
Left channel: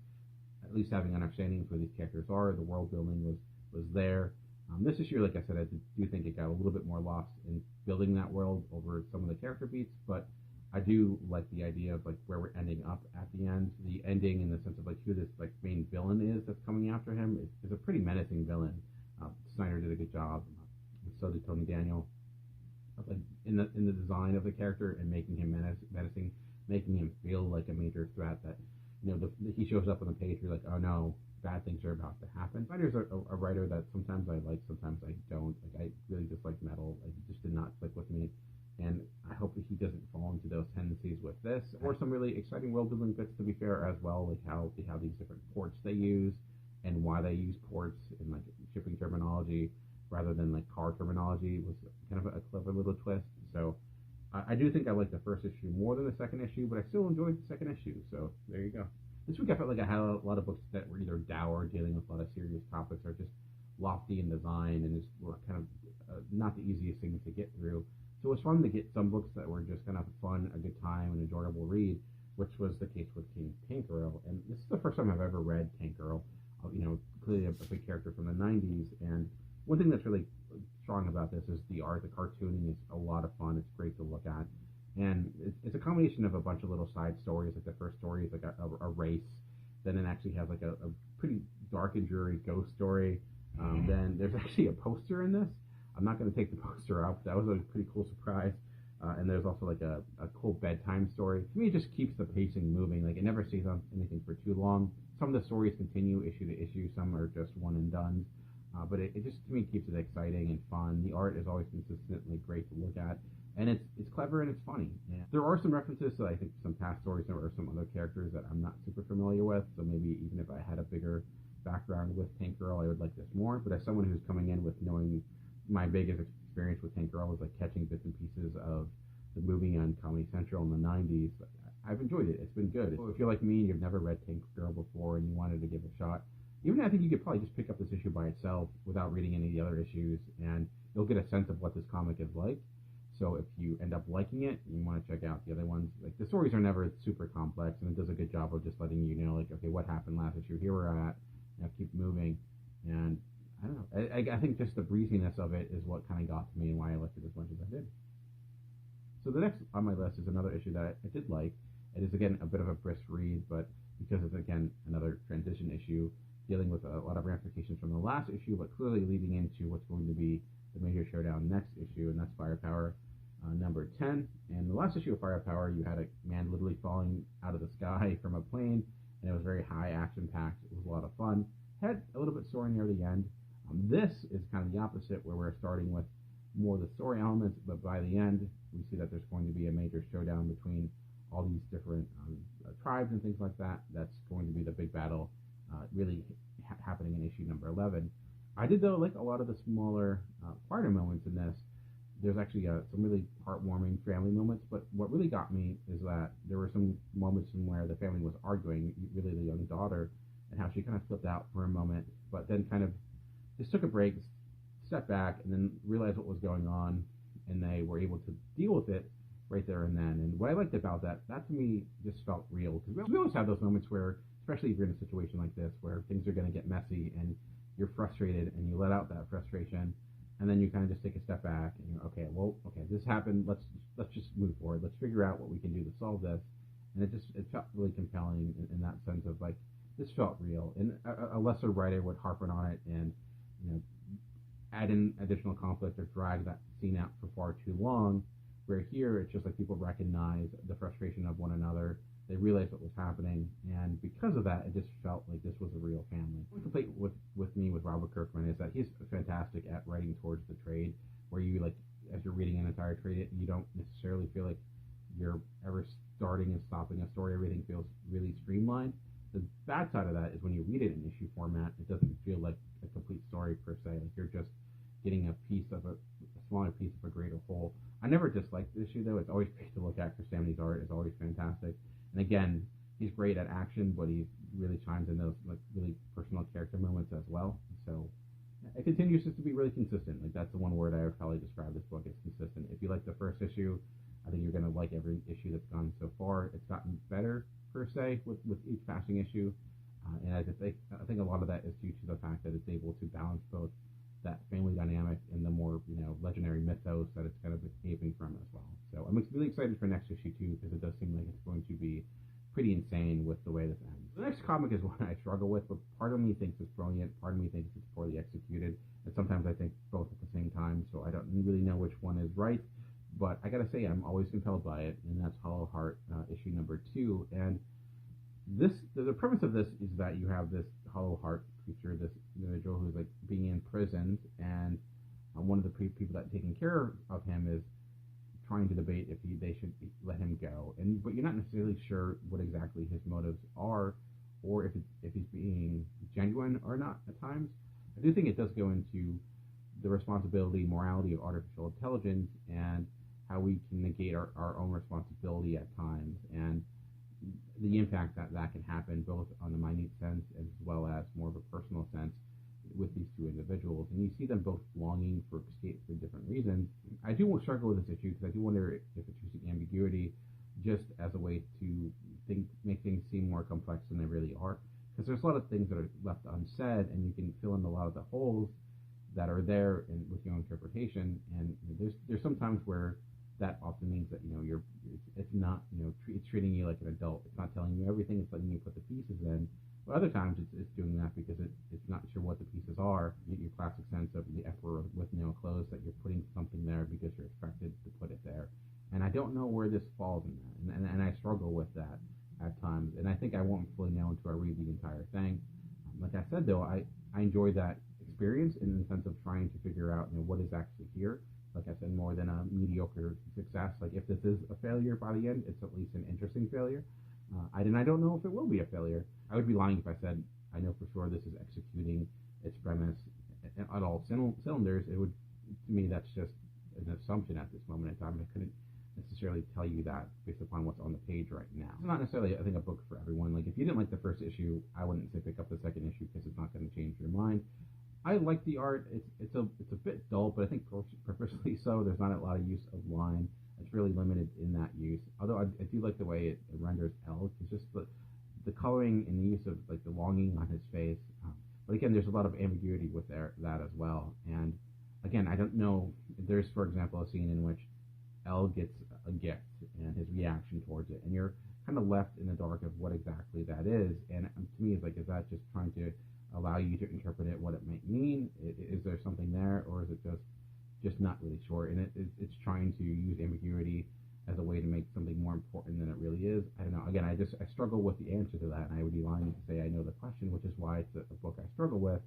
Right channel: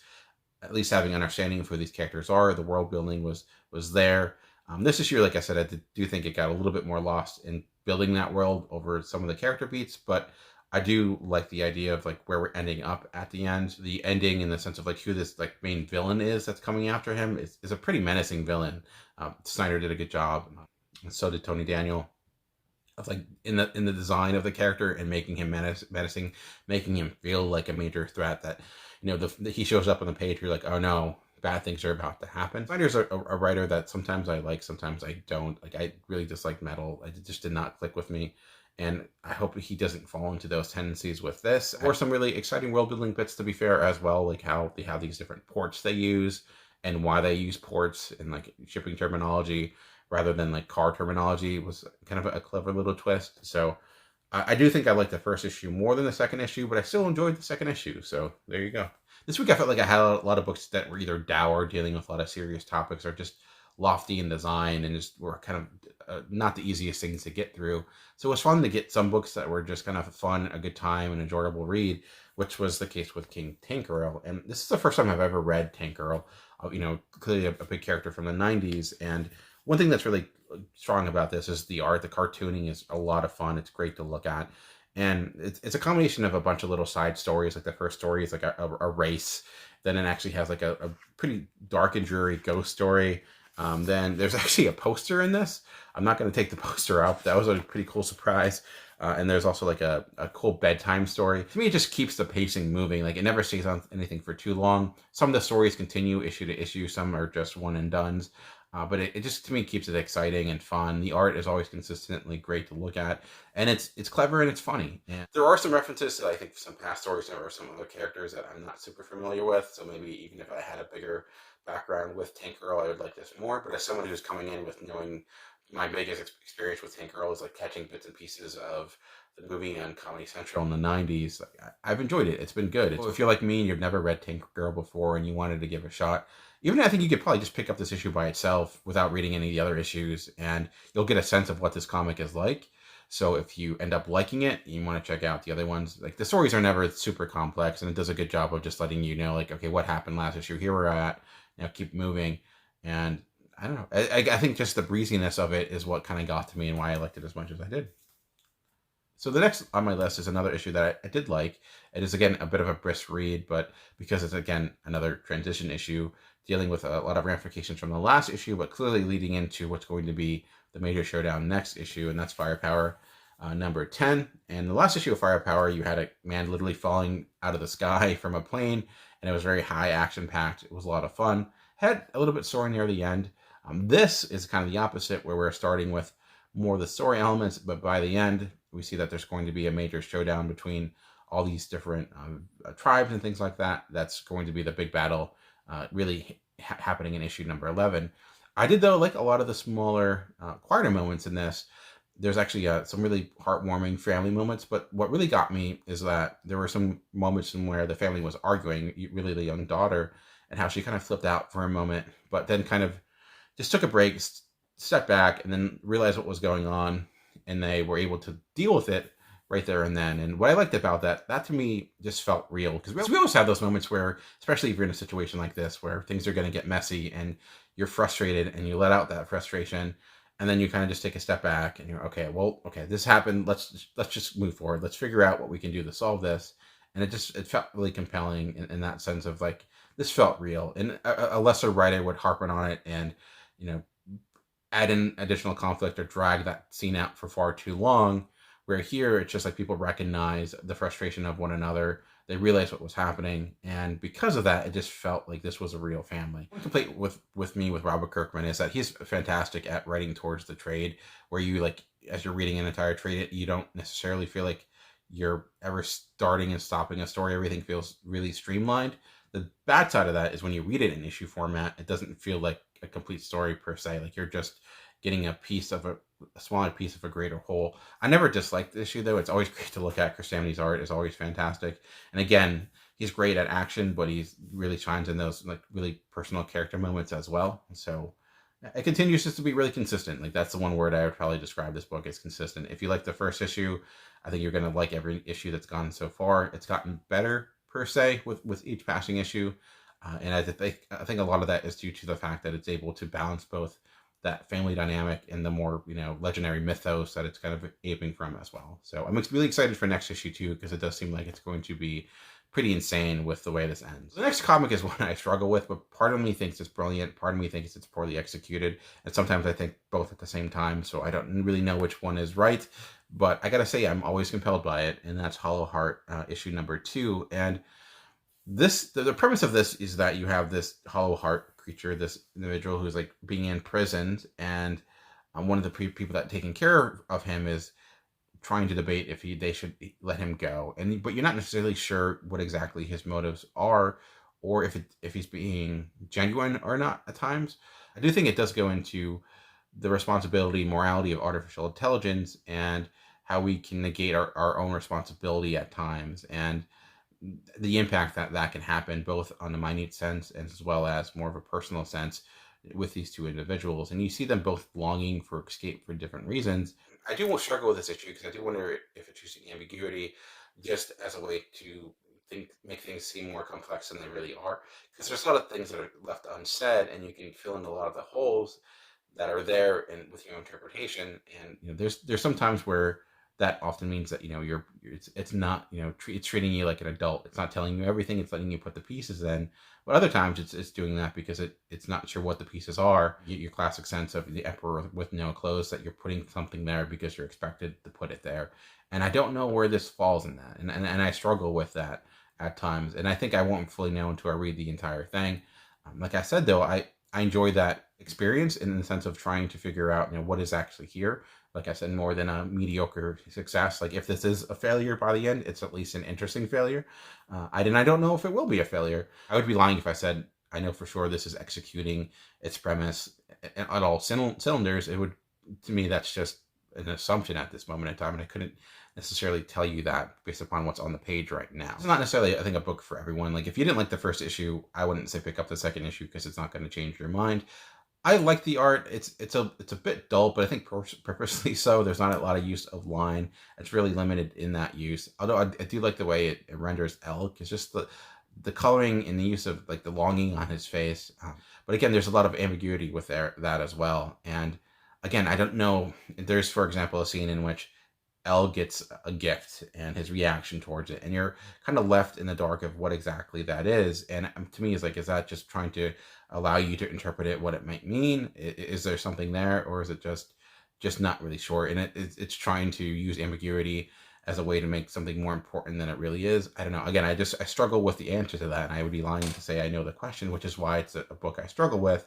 at least having understanding of who these characters are. The world building was there. This issue, like I said, I do think it got a little bit more lost in building that world over some of the character beats, but I do like the idea of like where we're ending up at the end. The ending in the sense of like who this like main villain is that's coming after him is a pretty menacing villain. Snyder did a good job, and so did Tony Daniel. Of like in the design of the character and making him menacing, making him feel like a major threat. That he shows up on the page, you're like, oh no, bad things are about to happen. Snyder's a writer that sometimes I like, sometimes I don't. Like I really dislike Metal. It just did not click with me. And I hope he doesn't fall into those tendencies with this. Or some really exciting world building bits, to be fair, as well, like how they have these different ports they use and why they use ports and like shipping terminology rather than like car terminology was kind of a clever little twist. So I do think I like the first issue more than the second issue, but I still enjoyed the second issue. So there you go. This week I felt like I had a lot of books that were either dour, dealing with a lot of serious topics, or just lofty in design and just were kind of not the easiest things to get through. So it was fun to get some books that were just kind of fun, a good time, an enjoyable read, which was the case with King Tank Girl. And this is the first time I've ever read Tank Girl. Clearly a big character from the 90s. And one thing that's really strong about this is the art. The cartooning is a lot of fun. It's great to look at. And it's a combination of a bunch of little side stories. Like the first story is like a race. Then it actually has like a pretty dark and dreary ghost story. Then there's actually a poster in this. I'm not going to take the poster out. That was a pretty cool surprise. And there's also like a cool bedtime story. To me, it just keeps the pacing moving. Like it never stays on anything for too long. Some of the stories continue issue to issue. Some are just one and dones. But it just, to me, keeps it exciting and fun. The art is always consistently great to look at. And it's clever and it's funny. And there are some references to, I think, some past stories or some other characters that I'm not super familiar with. So maybe even if I had a bigger background with Tank Girl, I would like this more. But as someone who's coming in with knowing my biggest experience with Tank Girl is like catching bits and pieces of the movie on Comedy Central in the 90s, I've enjoyed it. It's been good. If you're like me and you've never read Tank Girl before and you wanted to give a shot, I think you could probably just pick up this issue by itself without reading any of the other issues, and you'll get a sense of what this comic is like. So if you end up liking it, you want to check out the other ones. Like the stories are never super complex, and it does a good job of just letting you know, like, okay, what happened last issue? Here we're at. Keep moving. And I don't know. I think just the breeziness of it is what kind of got to me and why I liked it as much as I did. So the next on my list is another issue that I did like. It is, again, a bit of a brisk read, but because it's, again, another transition issue dealing with a lot of ramifications from the last issue, but clearly leading into what's going to be the major showdown next issue, and that's Firepower number 10. And the last issue of Firepower, you had a man literally falling out of the sky from a plane, and it was very high action-packed. It was a lot of fun. Had a little bit sore near the end. This is kind of the opposite, where we're starting with more of the story elements, but by the end, we see that there's going to be a major showdown between all these different tribes and things like that. That's going to be the big battle really happening in issue number 11. I did, though, like a lot of the smaller, quieter moments in this. There's actually some really heartwarming family moments, but what really got me is that there were some moments in where the family was arguing, really the young daughter, and how she kind of flipped out for a moment, but then kind of just took a break, stepped back, and then realized what was going on, and they were able to deal with it right there and then. And what I liked about that to me just felt real, because we always have those moments where, especially if you're in a situation like this, where things are going to get messy and you're frustrated and you let out that frustration, and then you kind of just take a step back and you're, okay, this happened. Let's just move forward. Let's figure out what we can do to solve this. And it felt really compelling in that sense of like, this felt real. And a lesser writer would harp on it and, add in additional conflict or drag that scene out for far too long. Where here, it's just like people recognize the frustration of one another. They realize what was happening. And because of that, it just felt like this was a real family. One complaint with me with Robert Kirkman is that he's fantastic at writing towards the trade, where you, like, as you're reading an entire trade, you don't necessarily feel like you're ever starting and stopping a story. Everything feels really streamlined. The bad side of that is when you read it in issue format, it doesn't feel like a complete story per se. Like you're just getting a smaller piece of a greater whole. I never disliked the issue though. It's always great to look at. Chris Samnee's art is always fantastic. And again, he's great at action, but he's really shines in those like really personal character moments as well. So it continues just to be really consistent. Like that's the one word I would probably describe this book as consistent. If you like the first issue, I think you're going to like every issue that's gone so far. It's gotten better per se with each passing issue. And I think a lot of that is due to the fact that it's able to balance both that family dynamic and the more, legendary mythos that it's kind of aping from as well. So I'm really excited for next issue too, because it does seem like it's going to be pretty insane with the way this ends. The next comic is one I struggle with, but part of me thinks it's brilliant, part of me thinks it's poorly executed, and sometimes I think both at the same time, so I don't really know which one is right, but I gotta say I'm always compelled by it, and that's Hallow Heart, issue number 2, and the premise of this is that you have this Hallow Heart creature, this individual who's like being imprisoned, and one of the people that taking care of him is trying to debate if they should let him go, but you're not necessarily sure what exactly his motives are, or if he's being genuine or not at times. I do think it does go into the responsibility, morality of artificial intelligence, and how we can negate our own responsibility at times, and the impact that can happen both on the minute sense as well as more of a personal sense with these two individuals. And you see them both longing for escape for different reasons. I do struggle with this issue because I do wonder if it's using ambiguity just as a way to make things seem more complex than they really are, because there's a lot of things that are left unsaid, and you can fill in a lot of the holes that are there and with your interpretation. And there's some times where that often means that it's not it's treating you like an adult. It's not telling you everything. It's letting you put the pieces in. But other times it's doing that because it's not sure what the pieces are. Your classic sense of the emperor with no clothes, that you're putting something there because you're expected to put it there. And I don't know where this falls in that. And I struggle with that at times. And I think I won't fully know until I read the entire thing. Like I said, though, I enjoy that experience in the sense of trying to figure out what is actually here. Like I said, more than a mediocre success. Like if this is a failure by the end, it's at least an interesting failure. I don't know if it will be a failure. I would be lying if I said I know for sure this is executing its premise at all cylinders. It would, to me, that's just an assumption at this moment in time, and I couldn't necessarily tell you that based upon what's on the page right now. It's not necessarily, I think, a book for everyone. Like if you didn't like the first issue, I wouldn't say pick up the second issue because it's not going to change your mind. I like the art. It's a bit dull, but I think purposely so. There's not a lot of use of line. It's really limited in that use. Although I do like the way it renders Elk. It's just the coloring and the use of like the longing on his face. But again, there's a lot of ambiguity with that as well. And again, I don't know. There's, for example, a scene in which Elle gets a gift and his reaction towards it, and you're kind of left in the dark of what exactly that is. And to me, is that just trying to allow you to interpret it what it might mean? Is there something there, or is it just not really sure? And it's trying to use ambiguity as a way to make something more important than it really is. I don't know. Again, I struggle with the answer to that, and I would be lying to say I know the question, which is why it's a book I struggle with.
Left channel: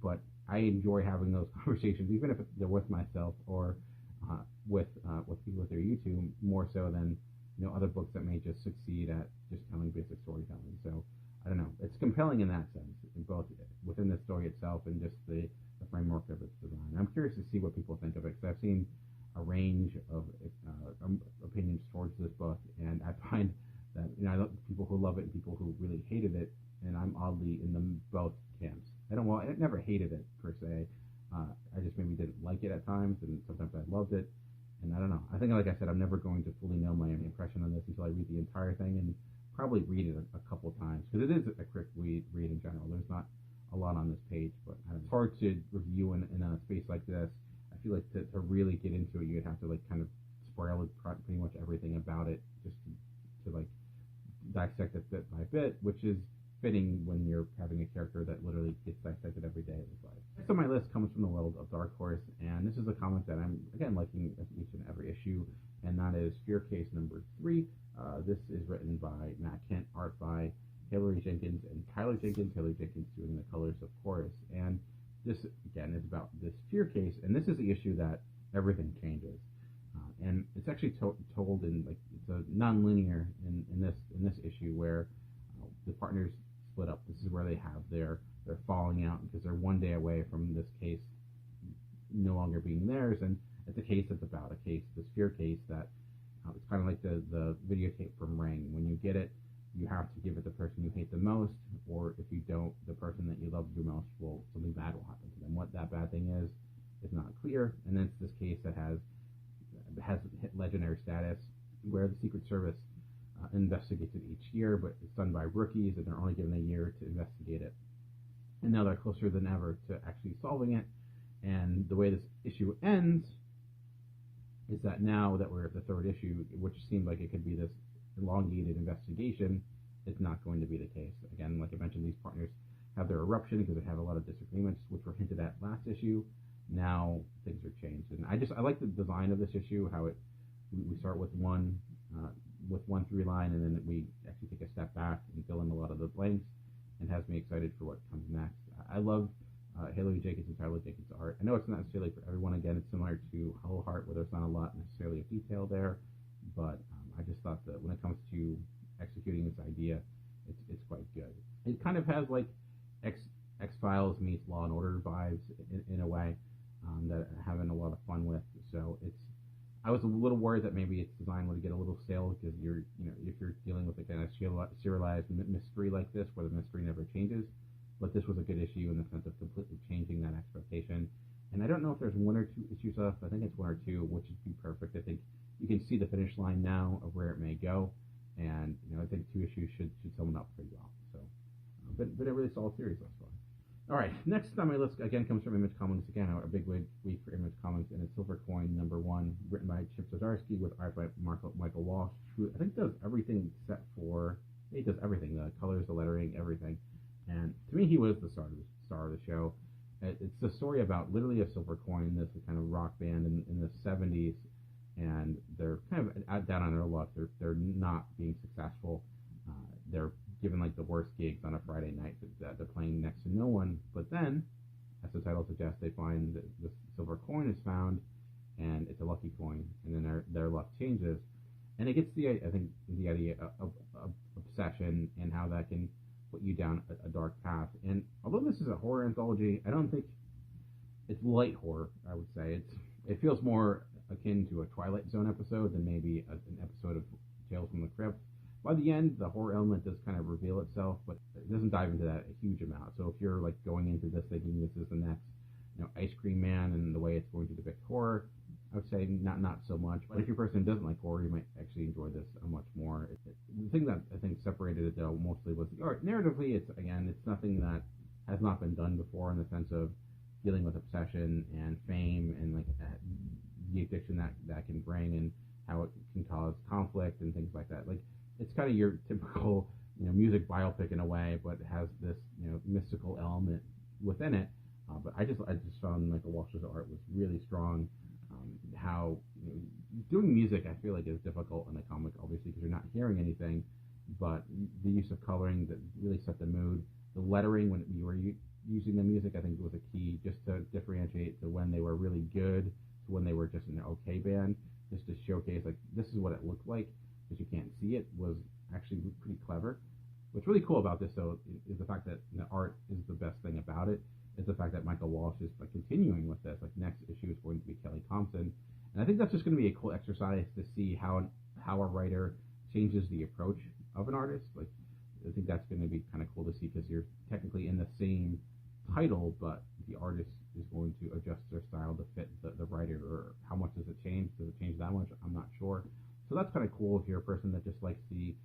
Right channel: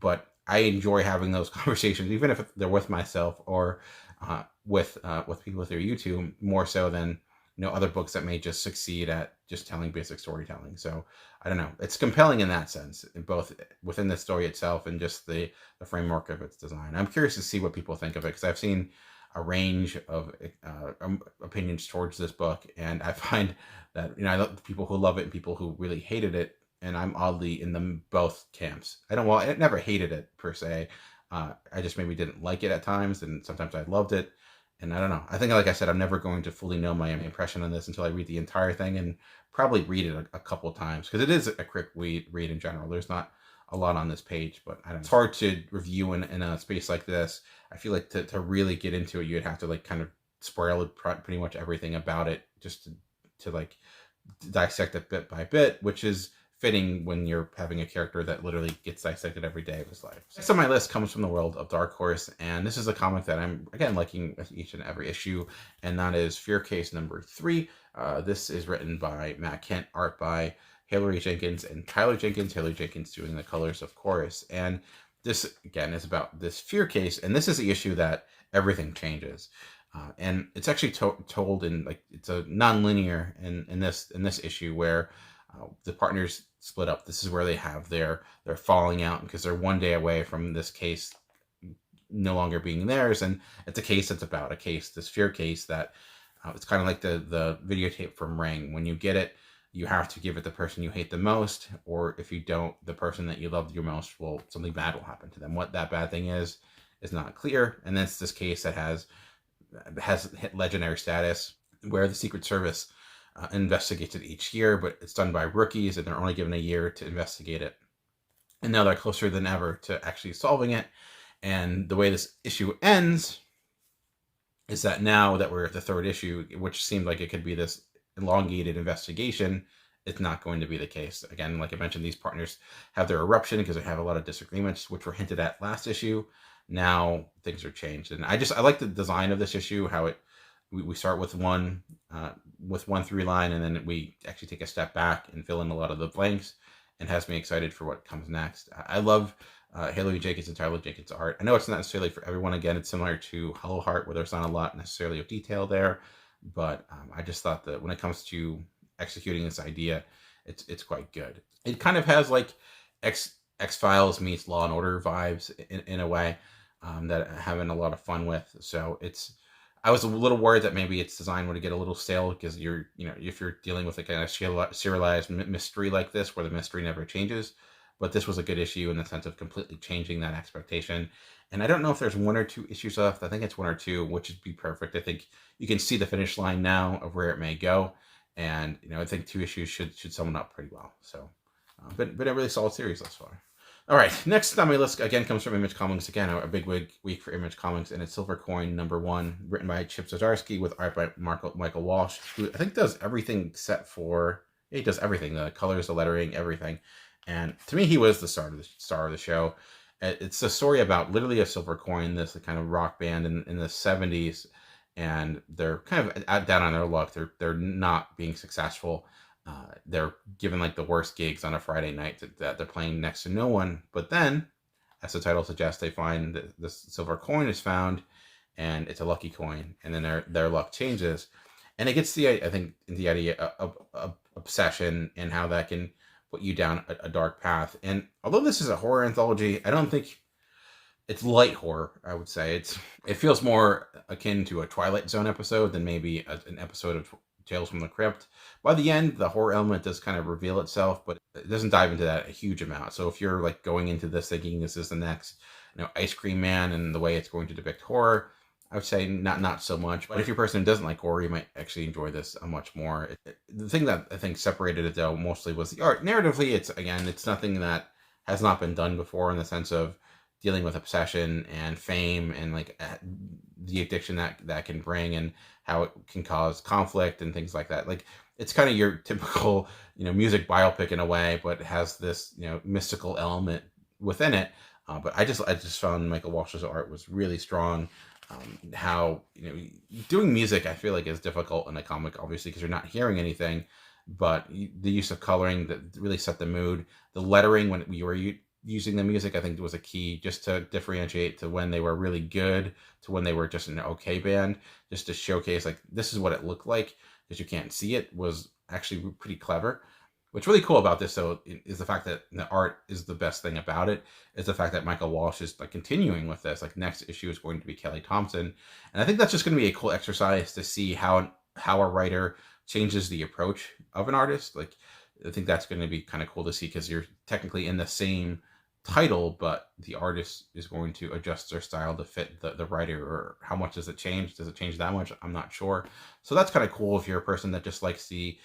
But I enjoy having those conversations, even if they're with myself or with people through YouTube, more so than other books that may just succeed at just telling basic storytelling. So I don't know. It's compelling in that sense, both within the story itself and just the framework of its design. I'm curious to see what people think of it, because I've seen a range of opinions towards this book, and I find that I love people who love it and people who really hated it, and I'm oddly in both camps. I never hated it per se. I just maybe didn't like it at times, and sometimes I loved it. And I don't know. I think, like I said, I'm never going to fully know my impression on this until I read the entire thing, and probably read it a couple of times, because it is a quick read in general. There's not a lot on this page, but I don't know. It's hard to review in a space like this. I feel like to really get into it, you'd have to kind of spoil pretty much everything about it, just to dissect it bit by bit, which is fitting when you're having a character that literally gets dissected every day of his life. Next on my list comes from the world of Dark Horse, and this is a comic that I'm, again, liking with each and every issue, and that is Fear Case number 3. This is written by Matt Kent, art by Hilary Jenkins and Tyler Jenkins. Hilary Jenkins doing the colors, of course. And this, again, is about this fear case, and this is the issue that everything changes. And it's actually told in, it's a non-linear in this issue where the partners split up. This is where they have their falling out, because they're one day away from this case no longer being theirs. And it's a case that's about a case, this fear case that it's kind of like the videotape from Ring. When you get it, you have to give it the person you hate the most, or if you don't, the person that you love the most will, something bad will happen to them. What that bad thing is not clear. And that's this case that has hit legendary status, where the Secret Service investigates it each year, but it's done by rookies and they're only given a year to investigate it. And now they're closer than ever to actually solving it. And the way this issue ends is that now that we're at the third issue, which seemed like it could be this elongated investigation, it's not going to be the case. Again, like I mentioned, these partners have their eruption because they have a lot of disagreements, which were hinted at last issue. Now things are changed, and I like the design of this issue. How we start with one through line, and then we actually take a step back and fill in a lot of the blanks, and has me excited for what comes next. I love Hallow Jenkins and Tyler Jenkins' art. I know it's not necessarily for everyone. Again, it's similar to Hallow Heart, where there's not a lot necessarily of detail there, but I just thought that when it comes to executing this idea, it's quite good. It kind of has like X-Files meets Law and Order vibes in a way that I'm having a lot of fun with. So I was a little worried that maybe its design would get a little stale, because if you're dealing with a kind of serialized mystery like this, where the mystery never changes. But this was a good issue in the sense of completely changing that expectation. And I don't know if there's 1 or 2 issues left. I think it's 1 or 2, which would be perfect. I think you can see the finish line now of where it may go. And, I think 2 issues should sum it up pretty well. So, but a really solid series thus far. All right, next on my list, again, comes from Image Comics. Again, a big week for Image Comics, and it's Silver Coin #1, written by Chip Zdarsky with art by Michael Walsh, who I think does everything except for... he does everything, the colors, the lettering, everything. And to me, he was the star of the show. It's a story about literally a silver coin, this kind of rock band in the 70s, and they're kind of down on their luck. They're not being successful. They're given like the worst gigs on a Friday night that they're playing next to no one. But then, as the title suggests, they find that this silver coin is found, and it's a lucky coin, and then their luck changes. And it gets the idea of obsession and how that can put you down a dark path. And although this is a horror anthology, I don't think it's light horror. I would say it feels more akin to a Twilight Zone episode than maybe an episode of Tales from the Crypt. By the end, the horror element does kind of reveal itself, but it doesn't dive into that a huge amount. So if you're like going into this thinking this is the next Ice Cream Man and the way it's going to depict horror, I would say not so much. But if you're a person who doesn't like horror, you might actually enjoy this much more. The thing that I think separated it, though, mostly was the art. Narratively, it's nothing that has not been done before, in the sense of dealing with obsession and fame and like the addiction that can bring, and how it can cause conflict and things like that. Like, it's kind of your typical music biopic in a way, but it has this mystical element within it. But I just found Michael Walsh's art was really strong. How doing music, I feel like, is difficult in a comic, obviously, because you're not hearing anything, but the use of coloring that really set the mood. The lettering when you were using the music, I think, was a key, just to differentiate to when they were really good to when they were just an okay band, just to showcase like this is what it looked like, because you can't see it, was actually pretty clever. What's really cool about this, though, is the fact that the art is the best thing about it, is the fact that Michael Walsh is like continuing with this. Like, next issue is going to be Kelly Thompson. And I think that's just going to be a cool exercise to see how a writer changes the approach of an artist. Like, I think that's going to be kind of cool to see, because you're technically in the same title, but the artist is going to adjust their style to fit the writer. Or how much does it change? Does it change that much? I'm not sure. So that's kind of cool if you're a person that just likes the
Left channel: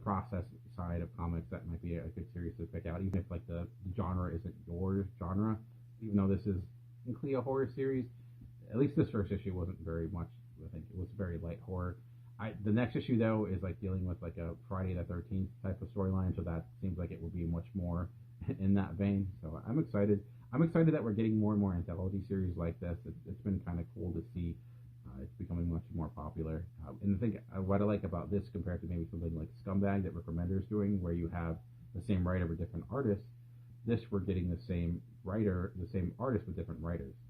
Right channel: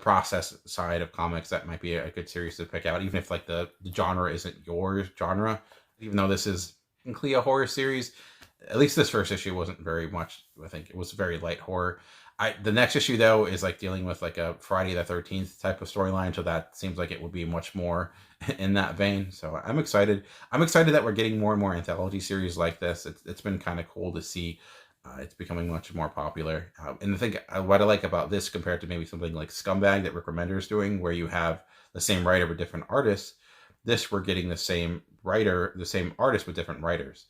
process side of comics. That might be a good series to pick out, even if like the genre isn't your genre. Even though this is technically a horror series, at least this first issue wasn't very much. I think it was very light horror. The next issue, though, is like dealing with like a Friday the 13th type of storyline, so that seems like it would be much more in that vein. So I'm excited. I'm excited that we're getting more and more anthology series like this. It's been kind of cool to see. It's becoming much more popular. And I think what I like about this, compared to maybe something like Scumbag that Rick Remender is doing, where you have the same writer but different artists, this, we're getting the same writer, the same artist with different writers.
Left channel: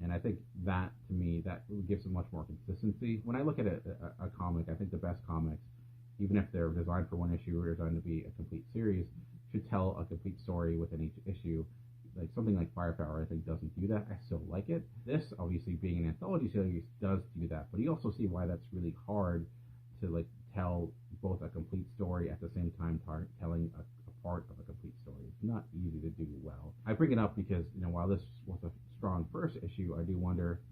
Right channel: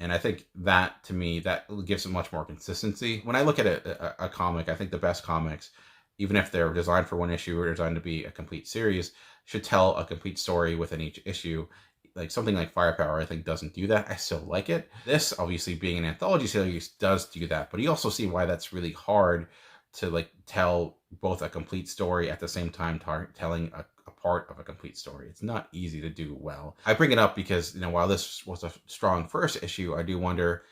And I think that, to me, that gives it much more consistency. When I look at a comic, I think the best comics, even if they're designed for one issue or designed to be a complete series, should tell a complete story within each issue. like something like Firepower, I think doesn't do that. I still like it. This, obviously being an anthology series, does do that, but you also see why that's really hard to like tell both a complete story at the same time telling a part of a complete story. It's not easy to do well. I bring it up because, while this was a strong first issue, I do wonder,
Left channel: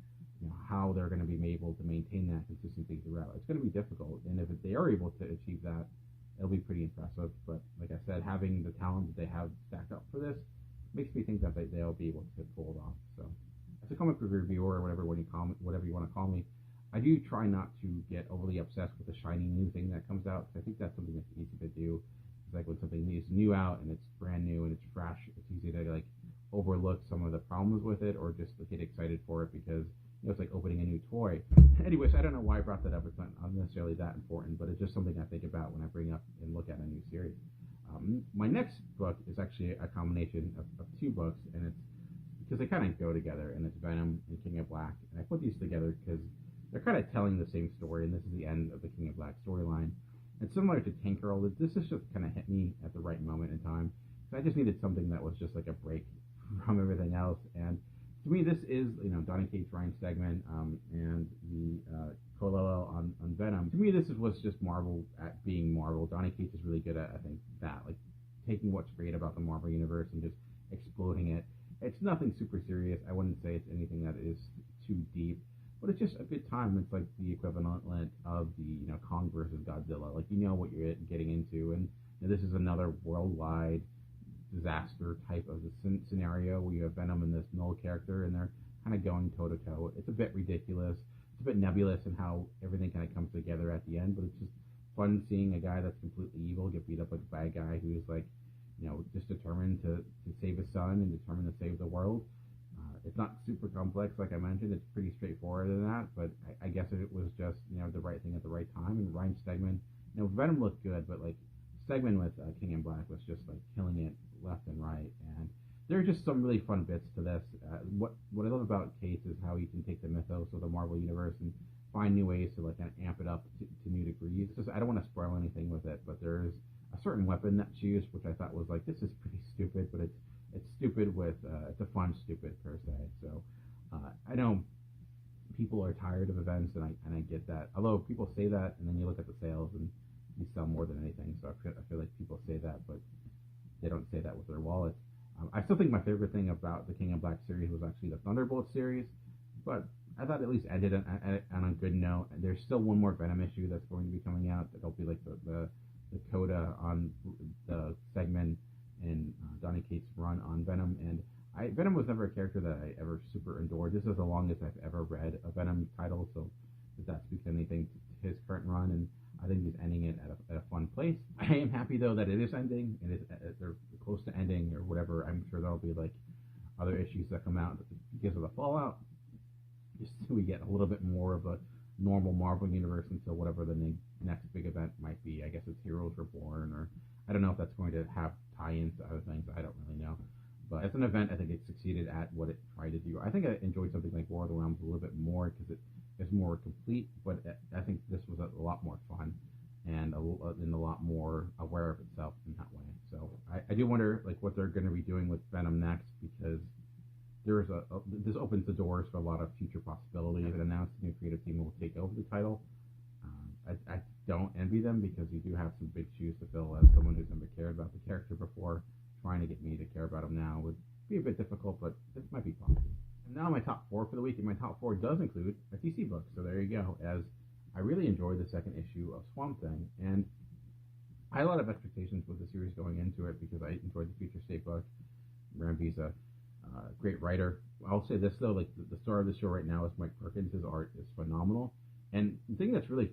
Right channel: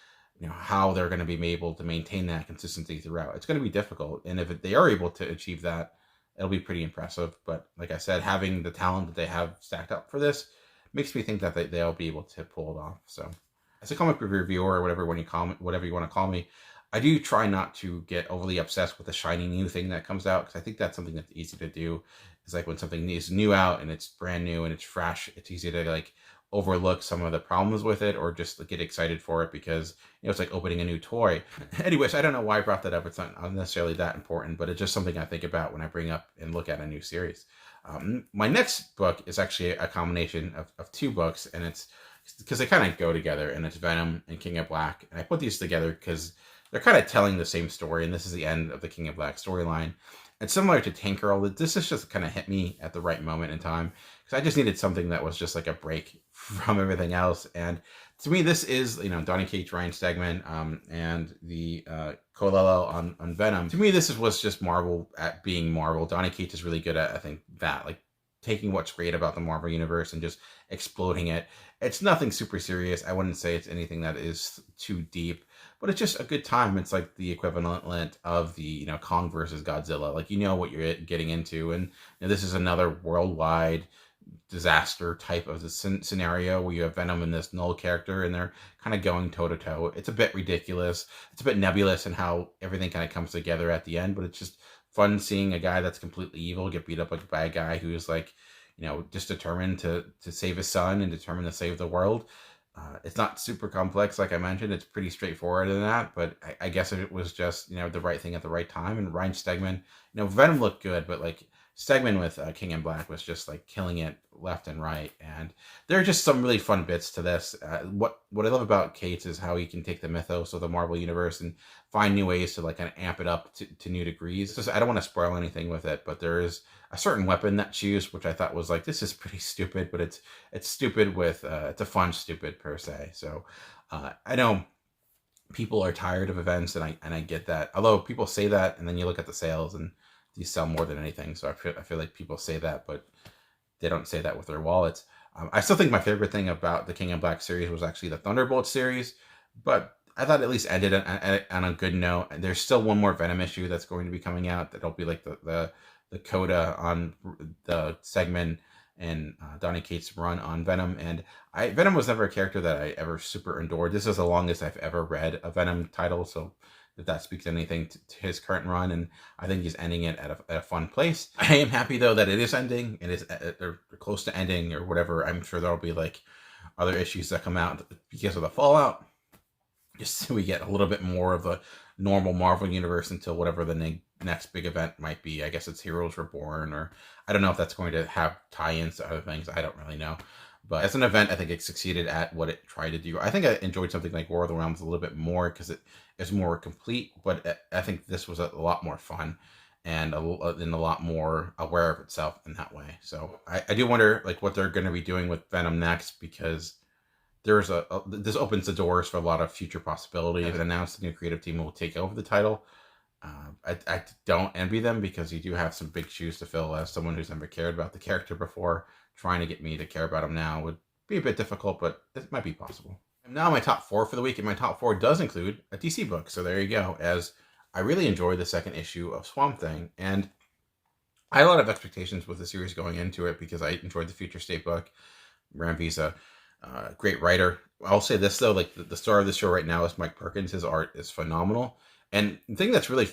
how they're going to be able to maintain that consistency throughout. It's going to be difficult, and if they are able to achieve that, it'll be pretty impressive. But like I said, having the talent that they have stacked up for this makes me think that they'll be able to pull it off. So, as a comic book reviewer, or whatever you want to call me, I do try not to get overly obsessed with the shiny new thing that comes out, because I think that's something that's easy to do. It's like when something is new out and it's brand new and it's fresh, it's easy to like overlook some of the problems with it, or just get excited for it because it's like opening a new toy. Anyways, I don't know why I brought that up. It's not necessarily that important, but it's just something I think about when I bring up and look at a new series. My next book is actually a combination of two books, and it's because they kind of go together, and it's Venom and King of Black. And I put these together because they're kind of telling the same story, and this is the end of the King of Black storyline. And similar to Tank Girl, this is just kind of hit me at the right moment in time, because I just needed something that was just like a break from everything else. And to me, this is, Donny Cates, Ryan Stegman, and the Colello on Venom. To me, was just Marvel at being Marvel. Donny Cates is really good at, I think, that, like, taking what's great about the Marvel Universe and just exploding it. It's nothing super serious. I wouldn't say it's anything that is too deep, but it's just a good time. It's like the equivalent of the, Kong versus Godzilla. Like, what you're getting into. And this is another worldwide disaster type of the scenario where you have Venom and this Null character, and they're kind of going toe-to-toe. It's a bit ridiculous. It's a bit nebulous in how everything kind of comes together at the end, but it's just fun seeing a guy that's completely evil get beat up by a guy who's like, just determined to save his son and determined to save the world. It's not super complex, like I mentioned. It's pretty straightforward in that, but I guess it was just, the right thing at the right time. And Ryan Stegman, Venom looked good, but like Stegman with King in Black was just like killing it left and right. And there are just some really fun bits to this. What I love about Cates is how he can take the mythos of the Marvel Universe and find new ways to like kind of amp it up to new degrees. Just, I don't want to spoil anything with it, but there is a certain weapon that's used, which I thought was like, this is pretty stupid, but it's stupid with, it's a fun stupid per se. So I know people are tired of events, and I get that. Although people say that, and then you look at the sales and these sell more than anything. So I feel like people say that, but they don't say that with their wallets. I still think my favorite thing about the King in Black series was actually the Thunderbolt series, but I thought it at least ended on a good note. There's still one more Venom issue that's going to be coming out. That'll be like the coda on the segment and Donny Cates' run on Venom. And Venom was never a character that I ever super adored. This is the longest I've ever read a Venom title, so if that speaks anything to his current run, and I think he's ending it at a fun place. I am happy though that it is ending, and they're close to ending or whatever. I'm sure there'll be like other issues that come out because of the fallout, just so we get a little bit more of the normal Marvel universe until whatever the next big event might be. I guess it's Heroes Reborn, or I don't know if that's going to have tie-ins to other things. I don't really know. But as an event, I think it succeeded at what it tried to do. I think I enjoyed something like War of the Realms a little bit more because it is more complete, but I think this was a lot more fun and a lot more aware of itself in that way. So I do wonder like what they're going to be doing with Venom next, because there's this opens the doors for a lot of future possibilities. It announced the new creative team will take over the title. I don't envy them, because you do have some big shoes to fill as someone who's never cared about the character before. Trying to get me to care about him now would be a bit difficult, but it might be possible. And now my top 4 for the week, and my top 4 does include a DC book. So there you go, as I really enjoyed the second issue of Swamp Thing, and I had a lot of expectations with the series going into it because I enjoyed the Future State book. Ramvy's a great writer. I'll say this though, like the star of the show right now is Mike Perkins. His art is phenomenal, and the thing that's really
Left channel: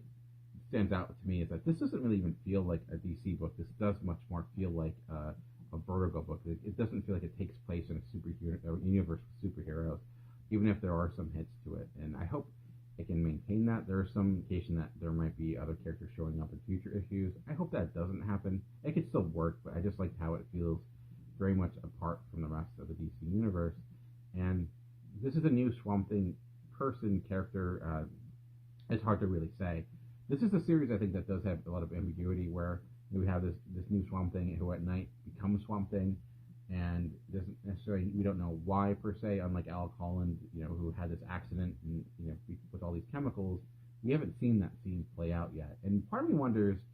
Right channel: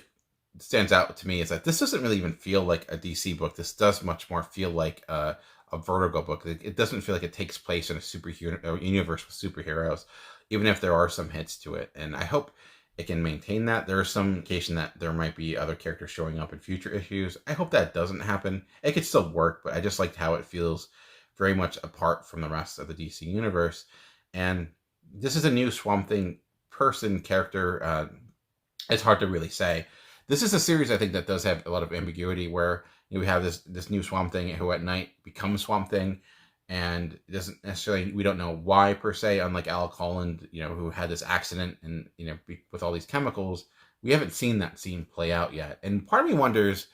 stands out to me is that this doesn't really even feel like a DC book. This does much more feel like a Vertigo book. It doesn't feel like it takes place in a superhero universe with superheroes, even if there are some hits to it. And I hope it can maintain that. There is some indication that there might be other characters showing up in future issues. I hope that doesn't happen. It could still work, but I just liked how it feels very much apart from the rest of the DC universe. And this is a new Swamp Thing character. It's hard to really say. This is a series I think that does have a lot of ambiguity, where we have this new Swamp Thing who at night becomes Swamp Thing, and it doesn't necessarily, we don't know why per se, unlike Alec Holland, who had this accident and, with all these chemicals. We haven't seen that scene play out yet. And part of me wonders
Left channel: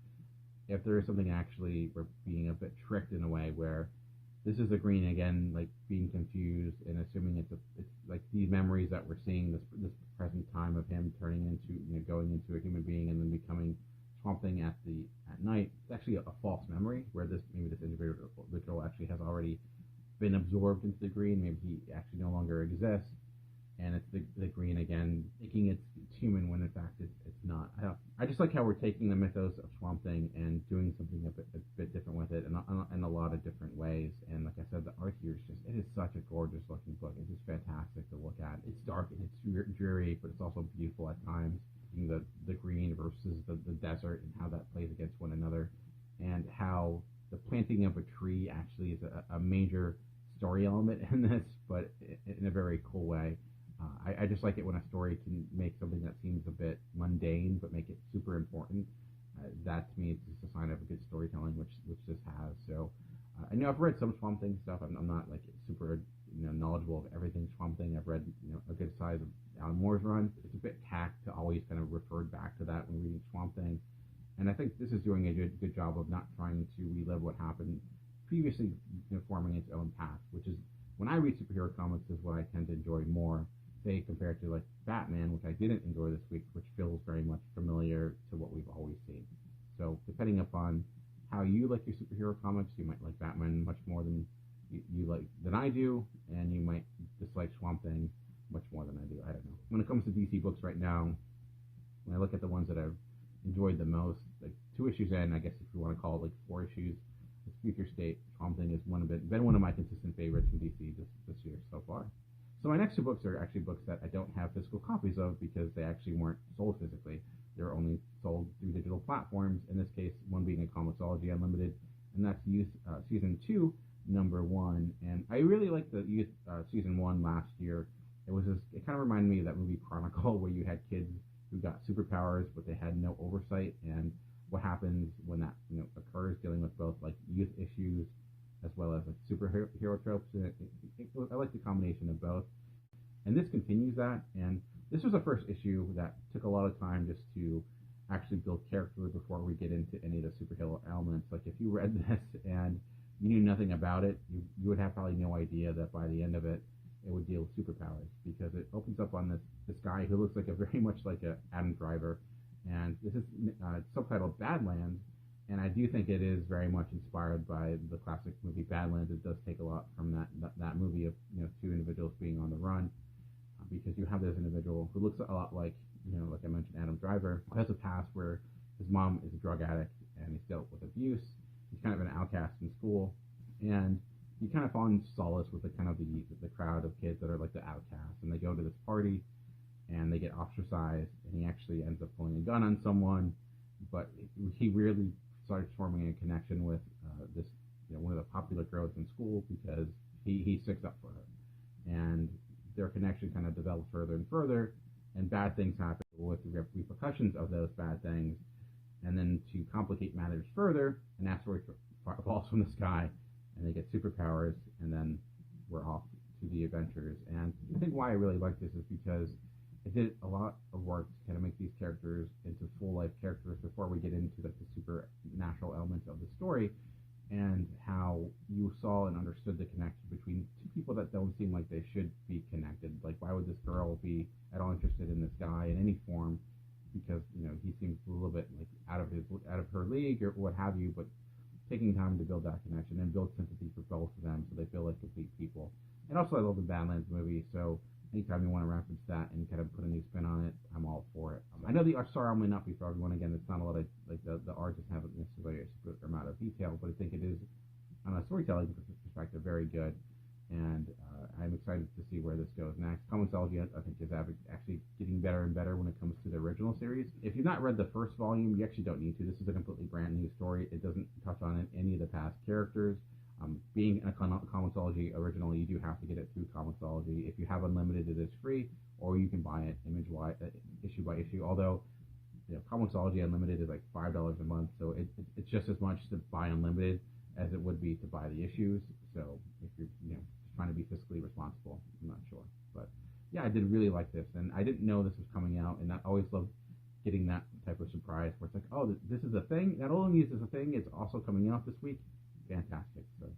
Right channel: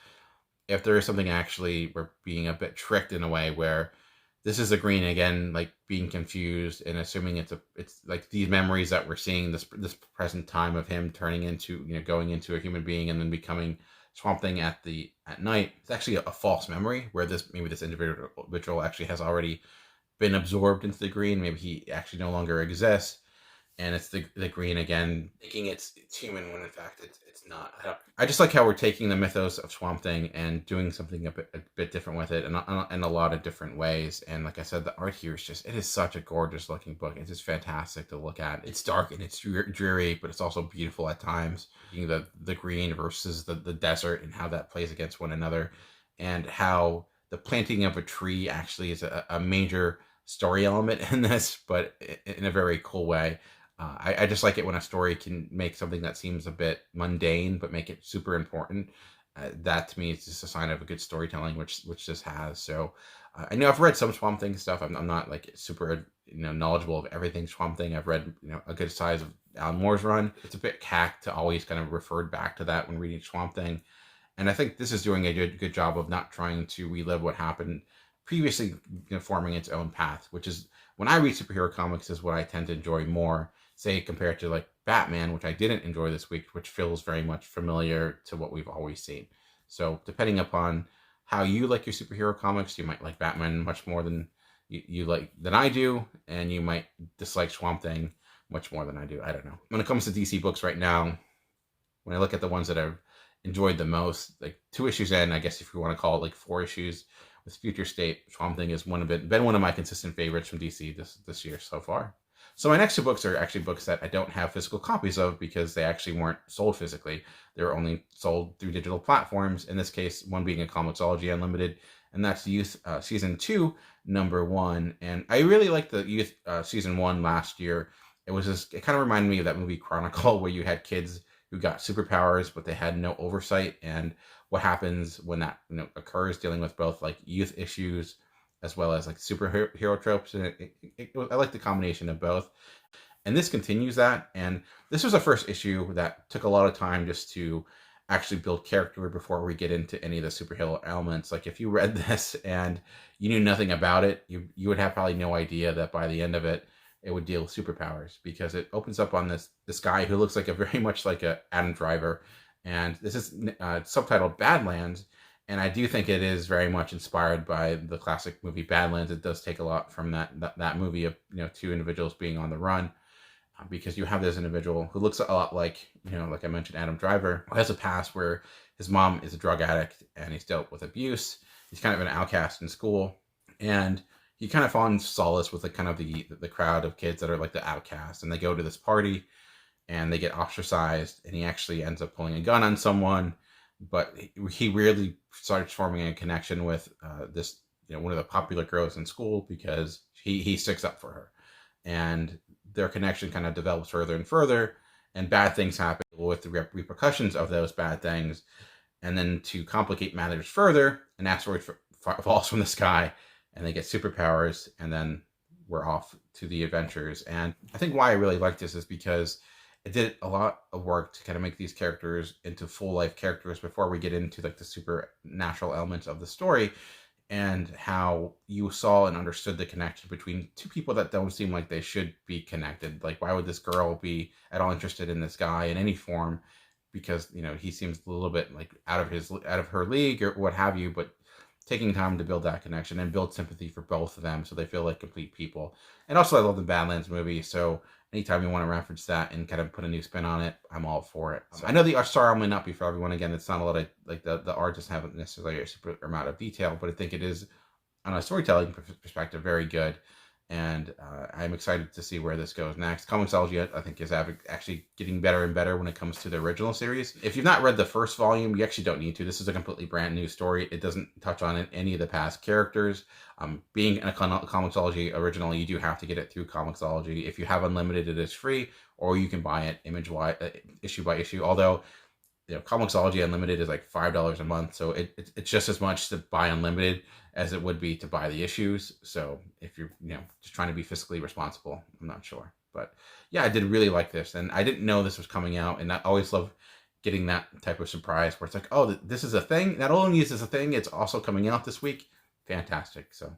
if there is something actually we're being a bit tricked in a way where this is the Green again, like being confused and assuming it's like these memories that we're seeing, this present time of him turning into, going into a human being and then becoming Swamp Thing at night. It's actually a false memory where maybe this individual actually has already been absorbed into the Green. Maybe he actually no longer exists, and it's the Green again, thinking it's human when in fact it's not. I just like how we're taking the mythos of Swamp Thing and doing something a bit different with it, and in a lot of different ways. And like I said, the art here is it is such a gorgeous looking book. It's just fantastic to look at. It's dark and it's dreary, but it's also beautiful at times. The Green versus the desert and how that plays against one another, and how the planting of a tree actually is a major story element in this, but in a very cool way. I just like it when a story can make something that seems a bit mundane but make it super important. That to me is just a sign of a good storytelling, which this has. So I know I've read some Swamp Thing stuff. I'm not like super knowledgeable of everything Swamp Thing. I've read a good size of Alan Moore's run. It's a bit cack to always kind of refer back to that when reading Swamp Thing, and I think this is doing a good job of not trying to relive what happened previously, forming its own path, which is when I read superhero comics is what I tend to enjoy more, say compared to like Batman, which I didn't enjoy this week, which feels very much familiar to what we've always seen. So depending upon how you like your superhero comics, you might like Batman much more than than I do, and you might dislike Swamp Thing much more than I do. I don't know. When it comes to DC books right now, when I look at the ones that I've enjoyed the most, like 2 issues in, I guess if you want to call it like 4 issues, with Future State, Swamp Thing is been one of my consistent favorites from DC this year so far. So my next 2 books are actually books that I don't have physical copies of because they actually weren't sold physically. They were only sold through digital platforms. In this case, one being a Comixology Unlimited, and that's Youth Season 2, number 1. And I really liked the Youth Season 1 last year. It kind of reminded me of that movie Chronicle, where you had kids who got superpowers, but they had no oversight, and what happens when that occurs, dealing with both like youth issues as well as like superhero tropes. And I like the combination of both. And this continues that. And this was the first issue that took a lot of time just to actually build character before we get into any of the superhero elements. Like if you read this and you knew nothing about it, you would have probably no idea that by the end of it, it would deal with superpowers, because it opens up on this guy who looks like very much like a Adam Driver. And this is subtitled Badlands, and I do think it is very much inspired by the classic movie Badlands. It does take a lot from that movie of 2 individuals being on the run, because you have this individual who looks a lot like like I mentioned, Adam Driver, who has a past where his mom is a drug addict and he's dealt with abuse. He's kind of an outcast in school, and he kind of finds solace with the crowd of kids that are like the outcasts, and they go to this party and they get ostracized, and he actually ends up pulling a gun on someone. But he really starts forming a connection with this one of the popular girls in school, because he sticks up for her, and their connection kind of develops further and further, and bad things happen with the repercussions of those bad things. And then to complicate matters further, an asteroid falls from the sky and they get superpowers, and then we're off to the adventures. And I think why I really like this is because it did a lot of work to kind of make these characters into full life characters before we get into like the supernatural elements of the story, and how you saw and understood the connection between 2 people that don't seem like they should be connected. Like, why would this girl be at all interested in this guy in any form? Because he seems a little bit like out of her league or what have you. But taking time to build that connection and build sympathy for both of them, so they feel like complete people. And also, I love the Badlands movie, so anytime you want to reference that and kind of put a new spin on it, I'm all for it. So I know the art style may not be for everyone. Again, it's not a lot of like the art doesn't have necessarily a super amount of detail, but I think it is, on a storytelling perspective, very good. And I'm excited to see where this goes next. Comixology, I think, is actually getting better and better when it comes to the original series. If you've not read the first volume, you actually don't need to. This is a completely brand new story. It doesn't touch on any of the past characters. Being a Comixology original, you do have to get it through Comixology. If you have Unlimited, it is free, or you can buy it issue by issue. Although Comixology Unlimited is like $5 a month, so it's just as much to buy Unlimited as it would be to buy the issues. So if you're just trying to be fiscally responsible, I'm not sure, but yeah, I did really like this, and I didn't know this was coming out, and I always love getting that type of surprise where it's like, oh, this is a thing. Not only is this a thing, it's also coming out this week. Fantastic. So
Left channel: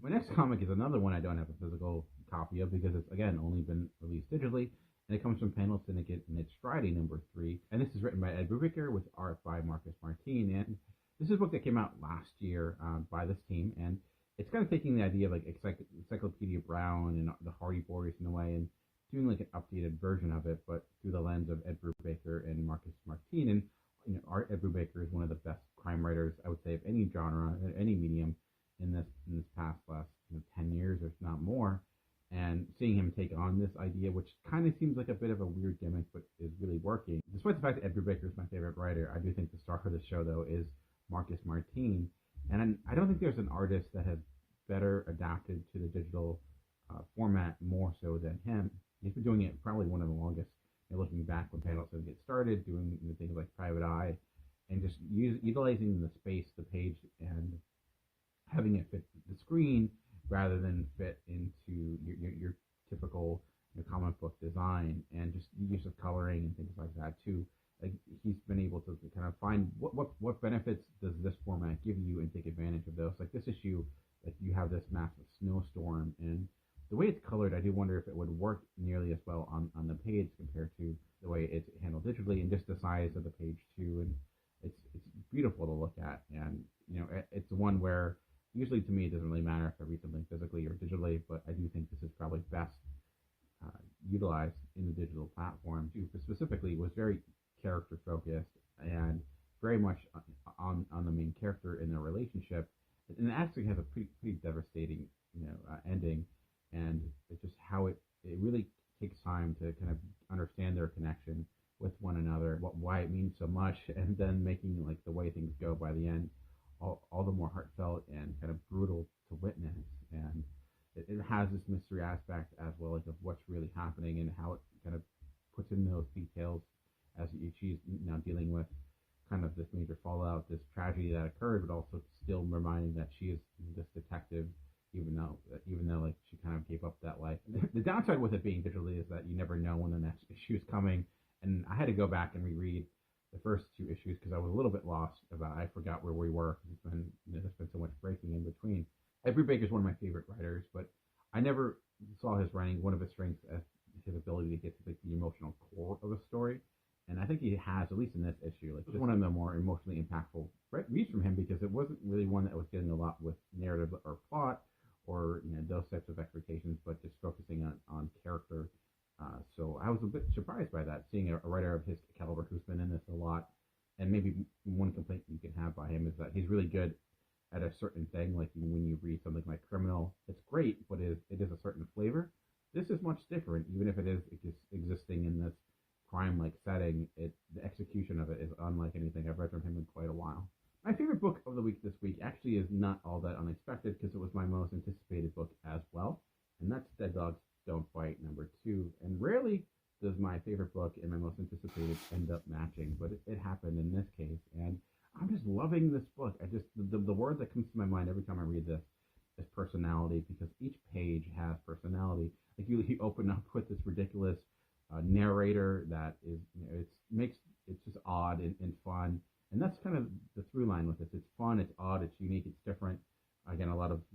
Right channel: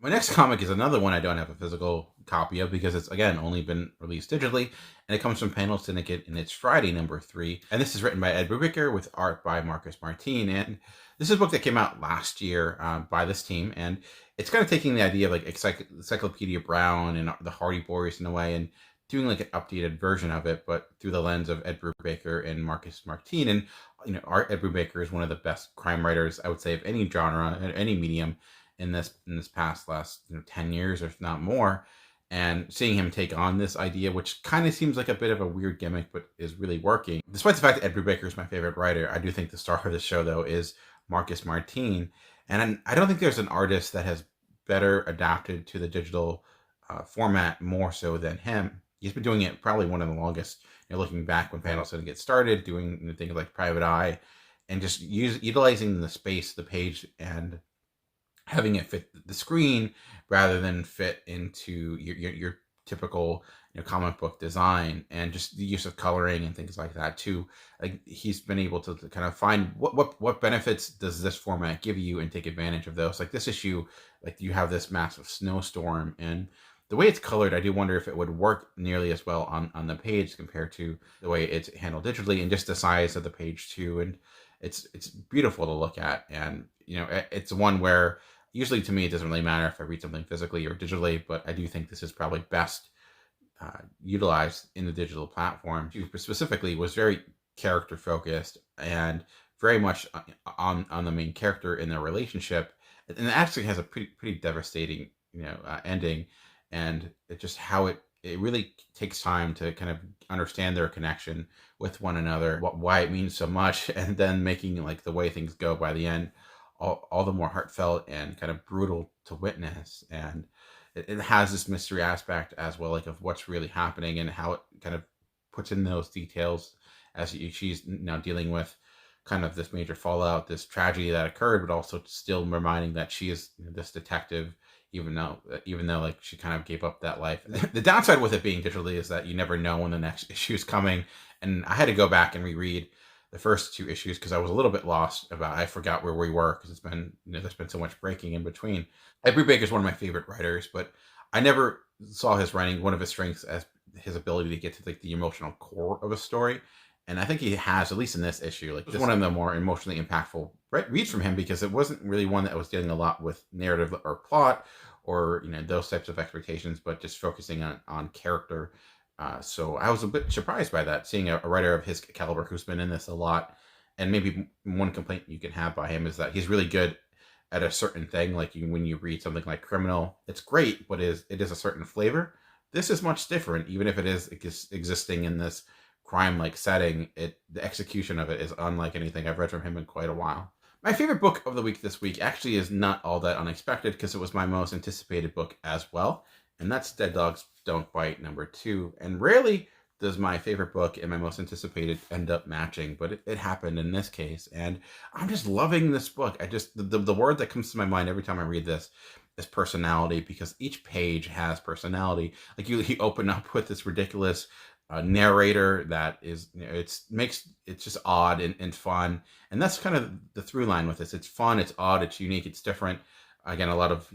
my next comic is another one I don't have a physical copy of because it's, again, only been released digitally, and it comes from Panel Syndicate, and it's Friday #3. And this is written by Ed Brubaker with art by Marcus Martin. And this is a book that came out last year by this team, and it's kind of taking the idea of like Encyclopedia Brown and the Hardy Boys in a way, and doing like an updated version of it, but through the lens of Ed Brubaker and Marcus Martin. And Ed Brubaker is one of the best crime writers, I would say, of any genre, any medium in this past last 10 years, if not more. And seeing him take on this idea, which kind of seems like a bit of a weird gimmick, but is really working. Despite the fact that Ed Brubaker is my favorite writer, I do think the star of the show, though, is Marcus Martin. And I don't think there's an artist that has better adapted to the digital format more so than him. He's been doing it probably one of the longest. Looking back when Panel Syndicate started, doing things like Private Eye, and just utilizing the space of the page and having it fit the screen rather than fit into your typical comic book design, and just the use of coloring and things like that too. Like, he's been able to kind of find what benefits does this format give you and take advantage of those. Like this issue, like you have this massive snowstorm, and the way it's colored, I do wonder if it would work nearly as well on the page compared to the way it's handled digitally, and just the size of the page too. And it's beautiful to look at, and it's one where usually to me it doesn't really matter if I read something physically or digitally, but I do think this is probably best utilized in the digital platform. She specifically was very character focused and very much on the main character in their relationship, and it actually has a pretty devastating ending. And it just how it really takes time to kind of understand their connection with one another, why it means so much, and then making like the way things go by the end all the more heartfelt and kind of brutal to witness. And it has this mystery aspect as well, like of what's really happening and how it kind of puts in those details as she's now dealing with kind of this major fallout, this tragedy that occurred, but also still reminding that she is this detective, even though like she kind of gave up that life. The downside with it being digitally is that you never know when the next issue is coming, and I had to go back and reread the first 2 issues because I was a little bit lost I forgot where we were, because it's been there's been so much breaking in between. Ed Brubaker is one of my favorite writers, but I never saw his writing, one of his strengths, as his ability to get to like the emotional core of a story. And I think he has, at least in this issue, like this one of the more emotionally impactful reads from him, because it wasn't really one that was dealing a lot with narrative or plot or those types of expectations, but just focusing on character. So I was a bit surprised by that, seeing a writer of his caliber who's been in this a lot. And maybe one complaint you can have by him is that he's really good at a certain thing. Like when you read something like Criminal, it's great, but it is a certain flavor. This is much different, even if it is existing in this crime-like setting. The execution of it is unlike anything I've read from him in quite a while. My favorite book of the week this week actually is not all that unexpected, because it was my most anticipated book as well, and that's Dead Dogs Don't Bite #2. And rarely does my favorite book and my most anticipated end up matching, but it happened in this case, and I'm just loving this book. The word that comes to my mind every time I read this is personality, because each page has personality. Like you open up with this ridiculous narrator that is it's just odd and fun, and that's kind of the through line with this. It's fun, it's odd, it's unique, it's different. Again, a lot of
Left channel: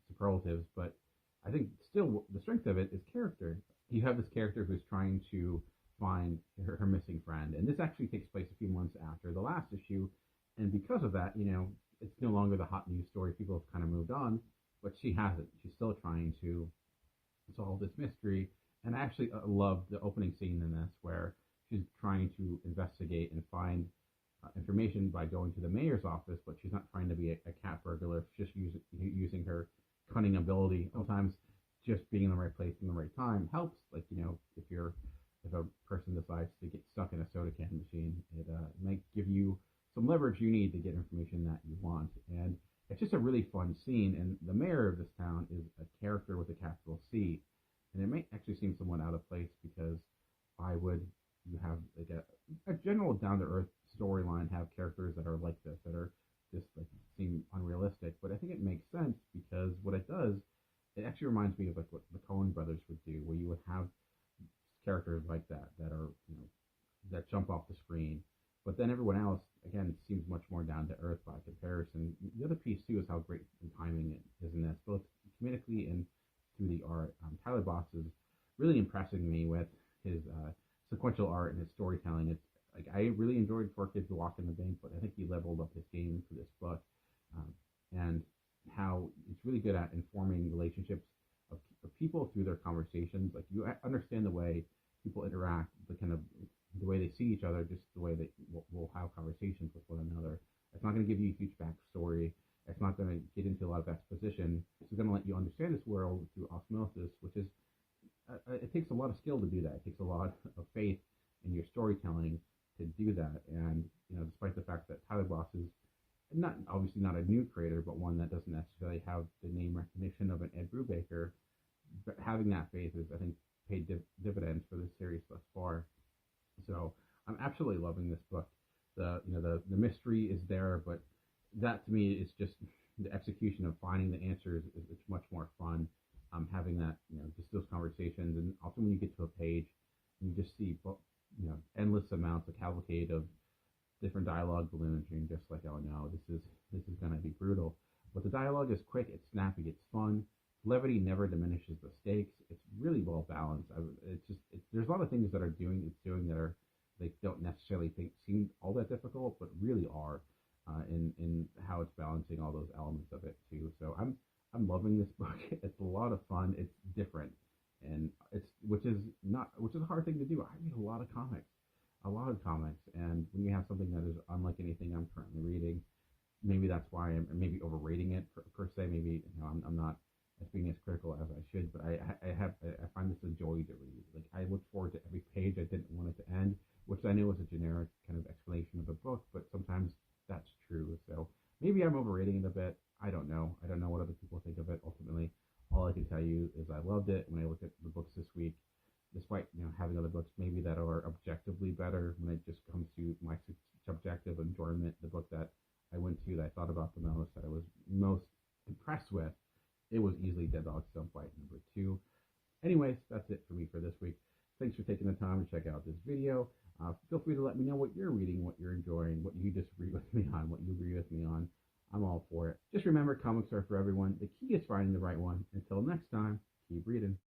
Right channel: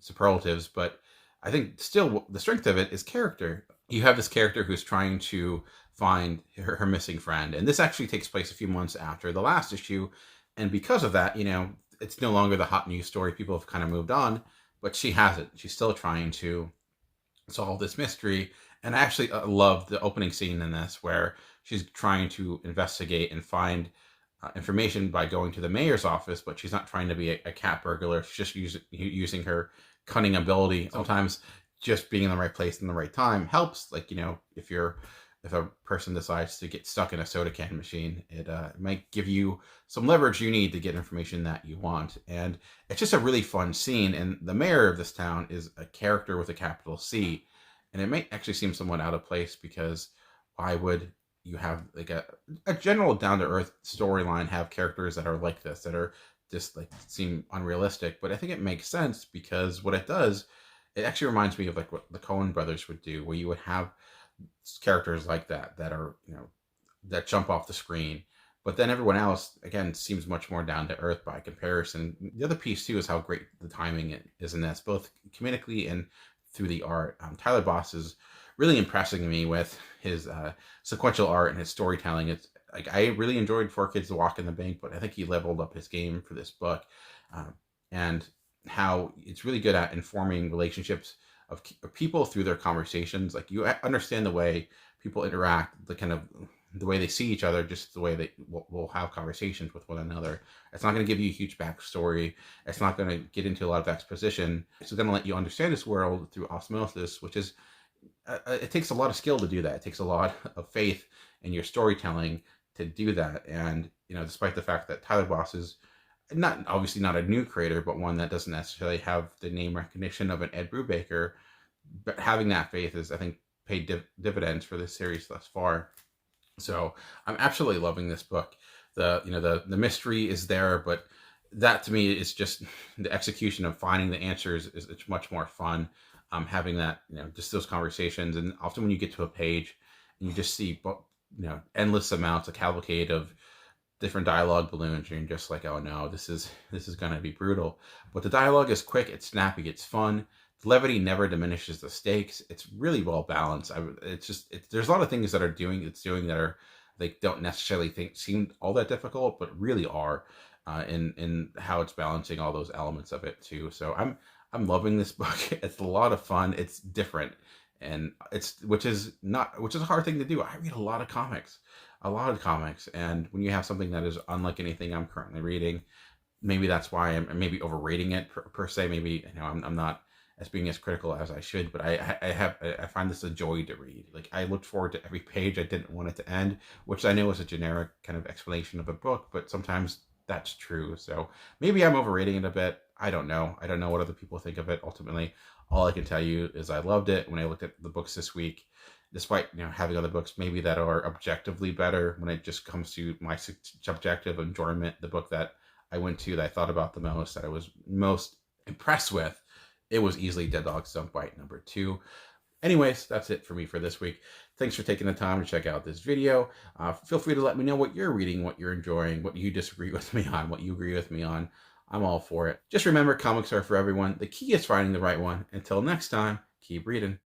superlatives, but I think still the strength of it is character. You have this character who's trying to find her missing friend, and this actually takes place a few months after the last issue, and because of that, it's no longer the hot news story. People have kind of moved on, but she hasn't. She's still trying to solve this mystery. And I actually love the opening scene in this, where she's trying to investigate and find information by going to the mayor's office, but she's not trying to be a cat burglar. She's just using her cunning ability. Sometimes just being in the right place in the right time helps. Like, if a person decides to get stuck in a soda can machine, it might give you some leverage you need to get information that you want. And it's just a really fun scene. And the mayor of this town is a character with a capital C. And it might actually seem somewhat out of place, because why would you have like a general down to earth storyline, have characters that are like this, that are just like seem unrealistic. But I think it makes sense because what it does, it actually reminds me of like what the Coen brothers would do, where you would have characters like that that are, that jump off the screen. But then everyone else, again, seems much more down to earth by comparison. The other piece, too, is how great the timing is in this, both comedically and through the art. Tyler Boss is really impressing me with his sequential art and his storytelling. It's like I really enjoyed Four Kids to Walk in the Bank, but I think he leveled up his game for this book. Um, and how it's really good at informing relationships of people through their conversations. Like you understand the way people interact, the kind of the way they see each other, just the way they will have conversations with one another. It's not going to give you a huge backstory. It's not going to get into a lot of exposition. It's going to let you understand this world through osmosis, which is, it takes a lot of skill to do that. It takes a lot of faith in your storytelling to do that. And, despite the fact that Tyler Boss is obviously not a new creator, but one that doesn't necessarily have the name recognition of an Ed Brubaker, but having that faith is, I think, paid dividends for this series thus far. So I'm absolutely loving this book. The mystery is there, but that to me is just the execution of finding the answers is it's much more fun. Having that, just those conversations, and often when you get to a page and you just see, endless amounts, a cavalcade of different dialogue balloons, and you're just like, oh no, this is gonna be brutal. But the dialogue is quick, it's snappy, it's fun. The levity never diminishes the stakes. It's really well balanced. There's a lot of things that it's doing that are, they don't necessarily seem all that difficult, but really are, in how it's balancing all those elements of it too. So I'm loving this book. It's a lot of fun. It's different, and which is a hard thing to do. I read a lot of comics, and when you have something that is unlike anything I'm currently reading, maybe that's why I'm maybe overrating it per se. Maybe I'm not as being as critical as I should, but I find this a joy to read. Like I looked forward to every page. I didn't want it to end, which I know is a generic kind of explanation of a book, but sometimes that's true. So maybe I'm overrating it a bit. I don't know. I don't know what other people think of it. Ultimately, all I can tell you is I loved it. When I looked at the books this week, despite having other books maybe that are objectively better, when it just comes to my subjective enjoyment, the book that I went to, that I thought about the most, that I was most impressed with, it was easily Dead Dog Don't Bite #2. Anyways, that's it for me for this week. Thanks for taking the time to check out this video. Feel free to let me know what you're reading, what you're enjoying, what you disagree with me on, what you agree with me on. I'm all for it. Just remember, comics are for everyone. The key is finding the right one. Until next time, keep reading.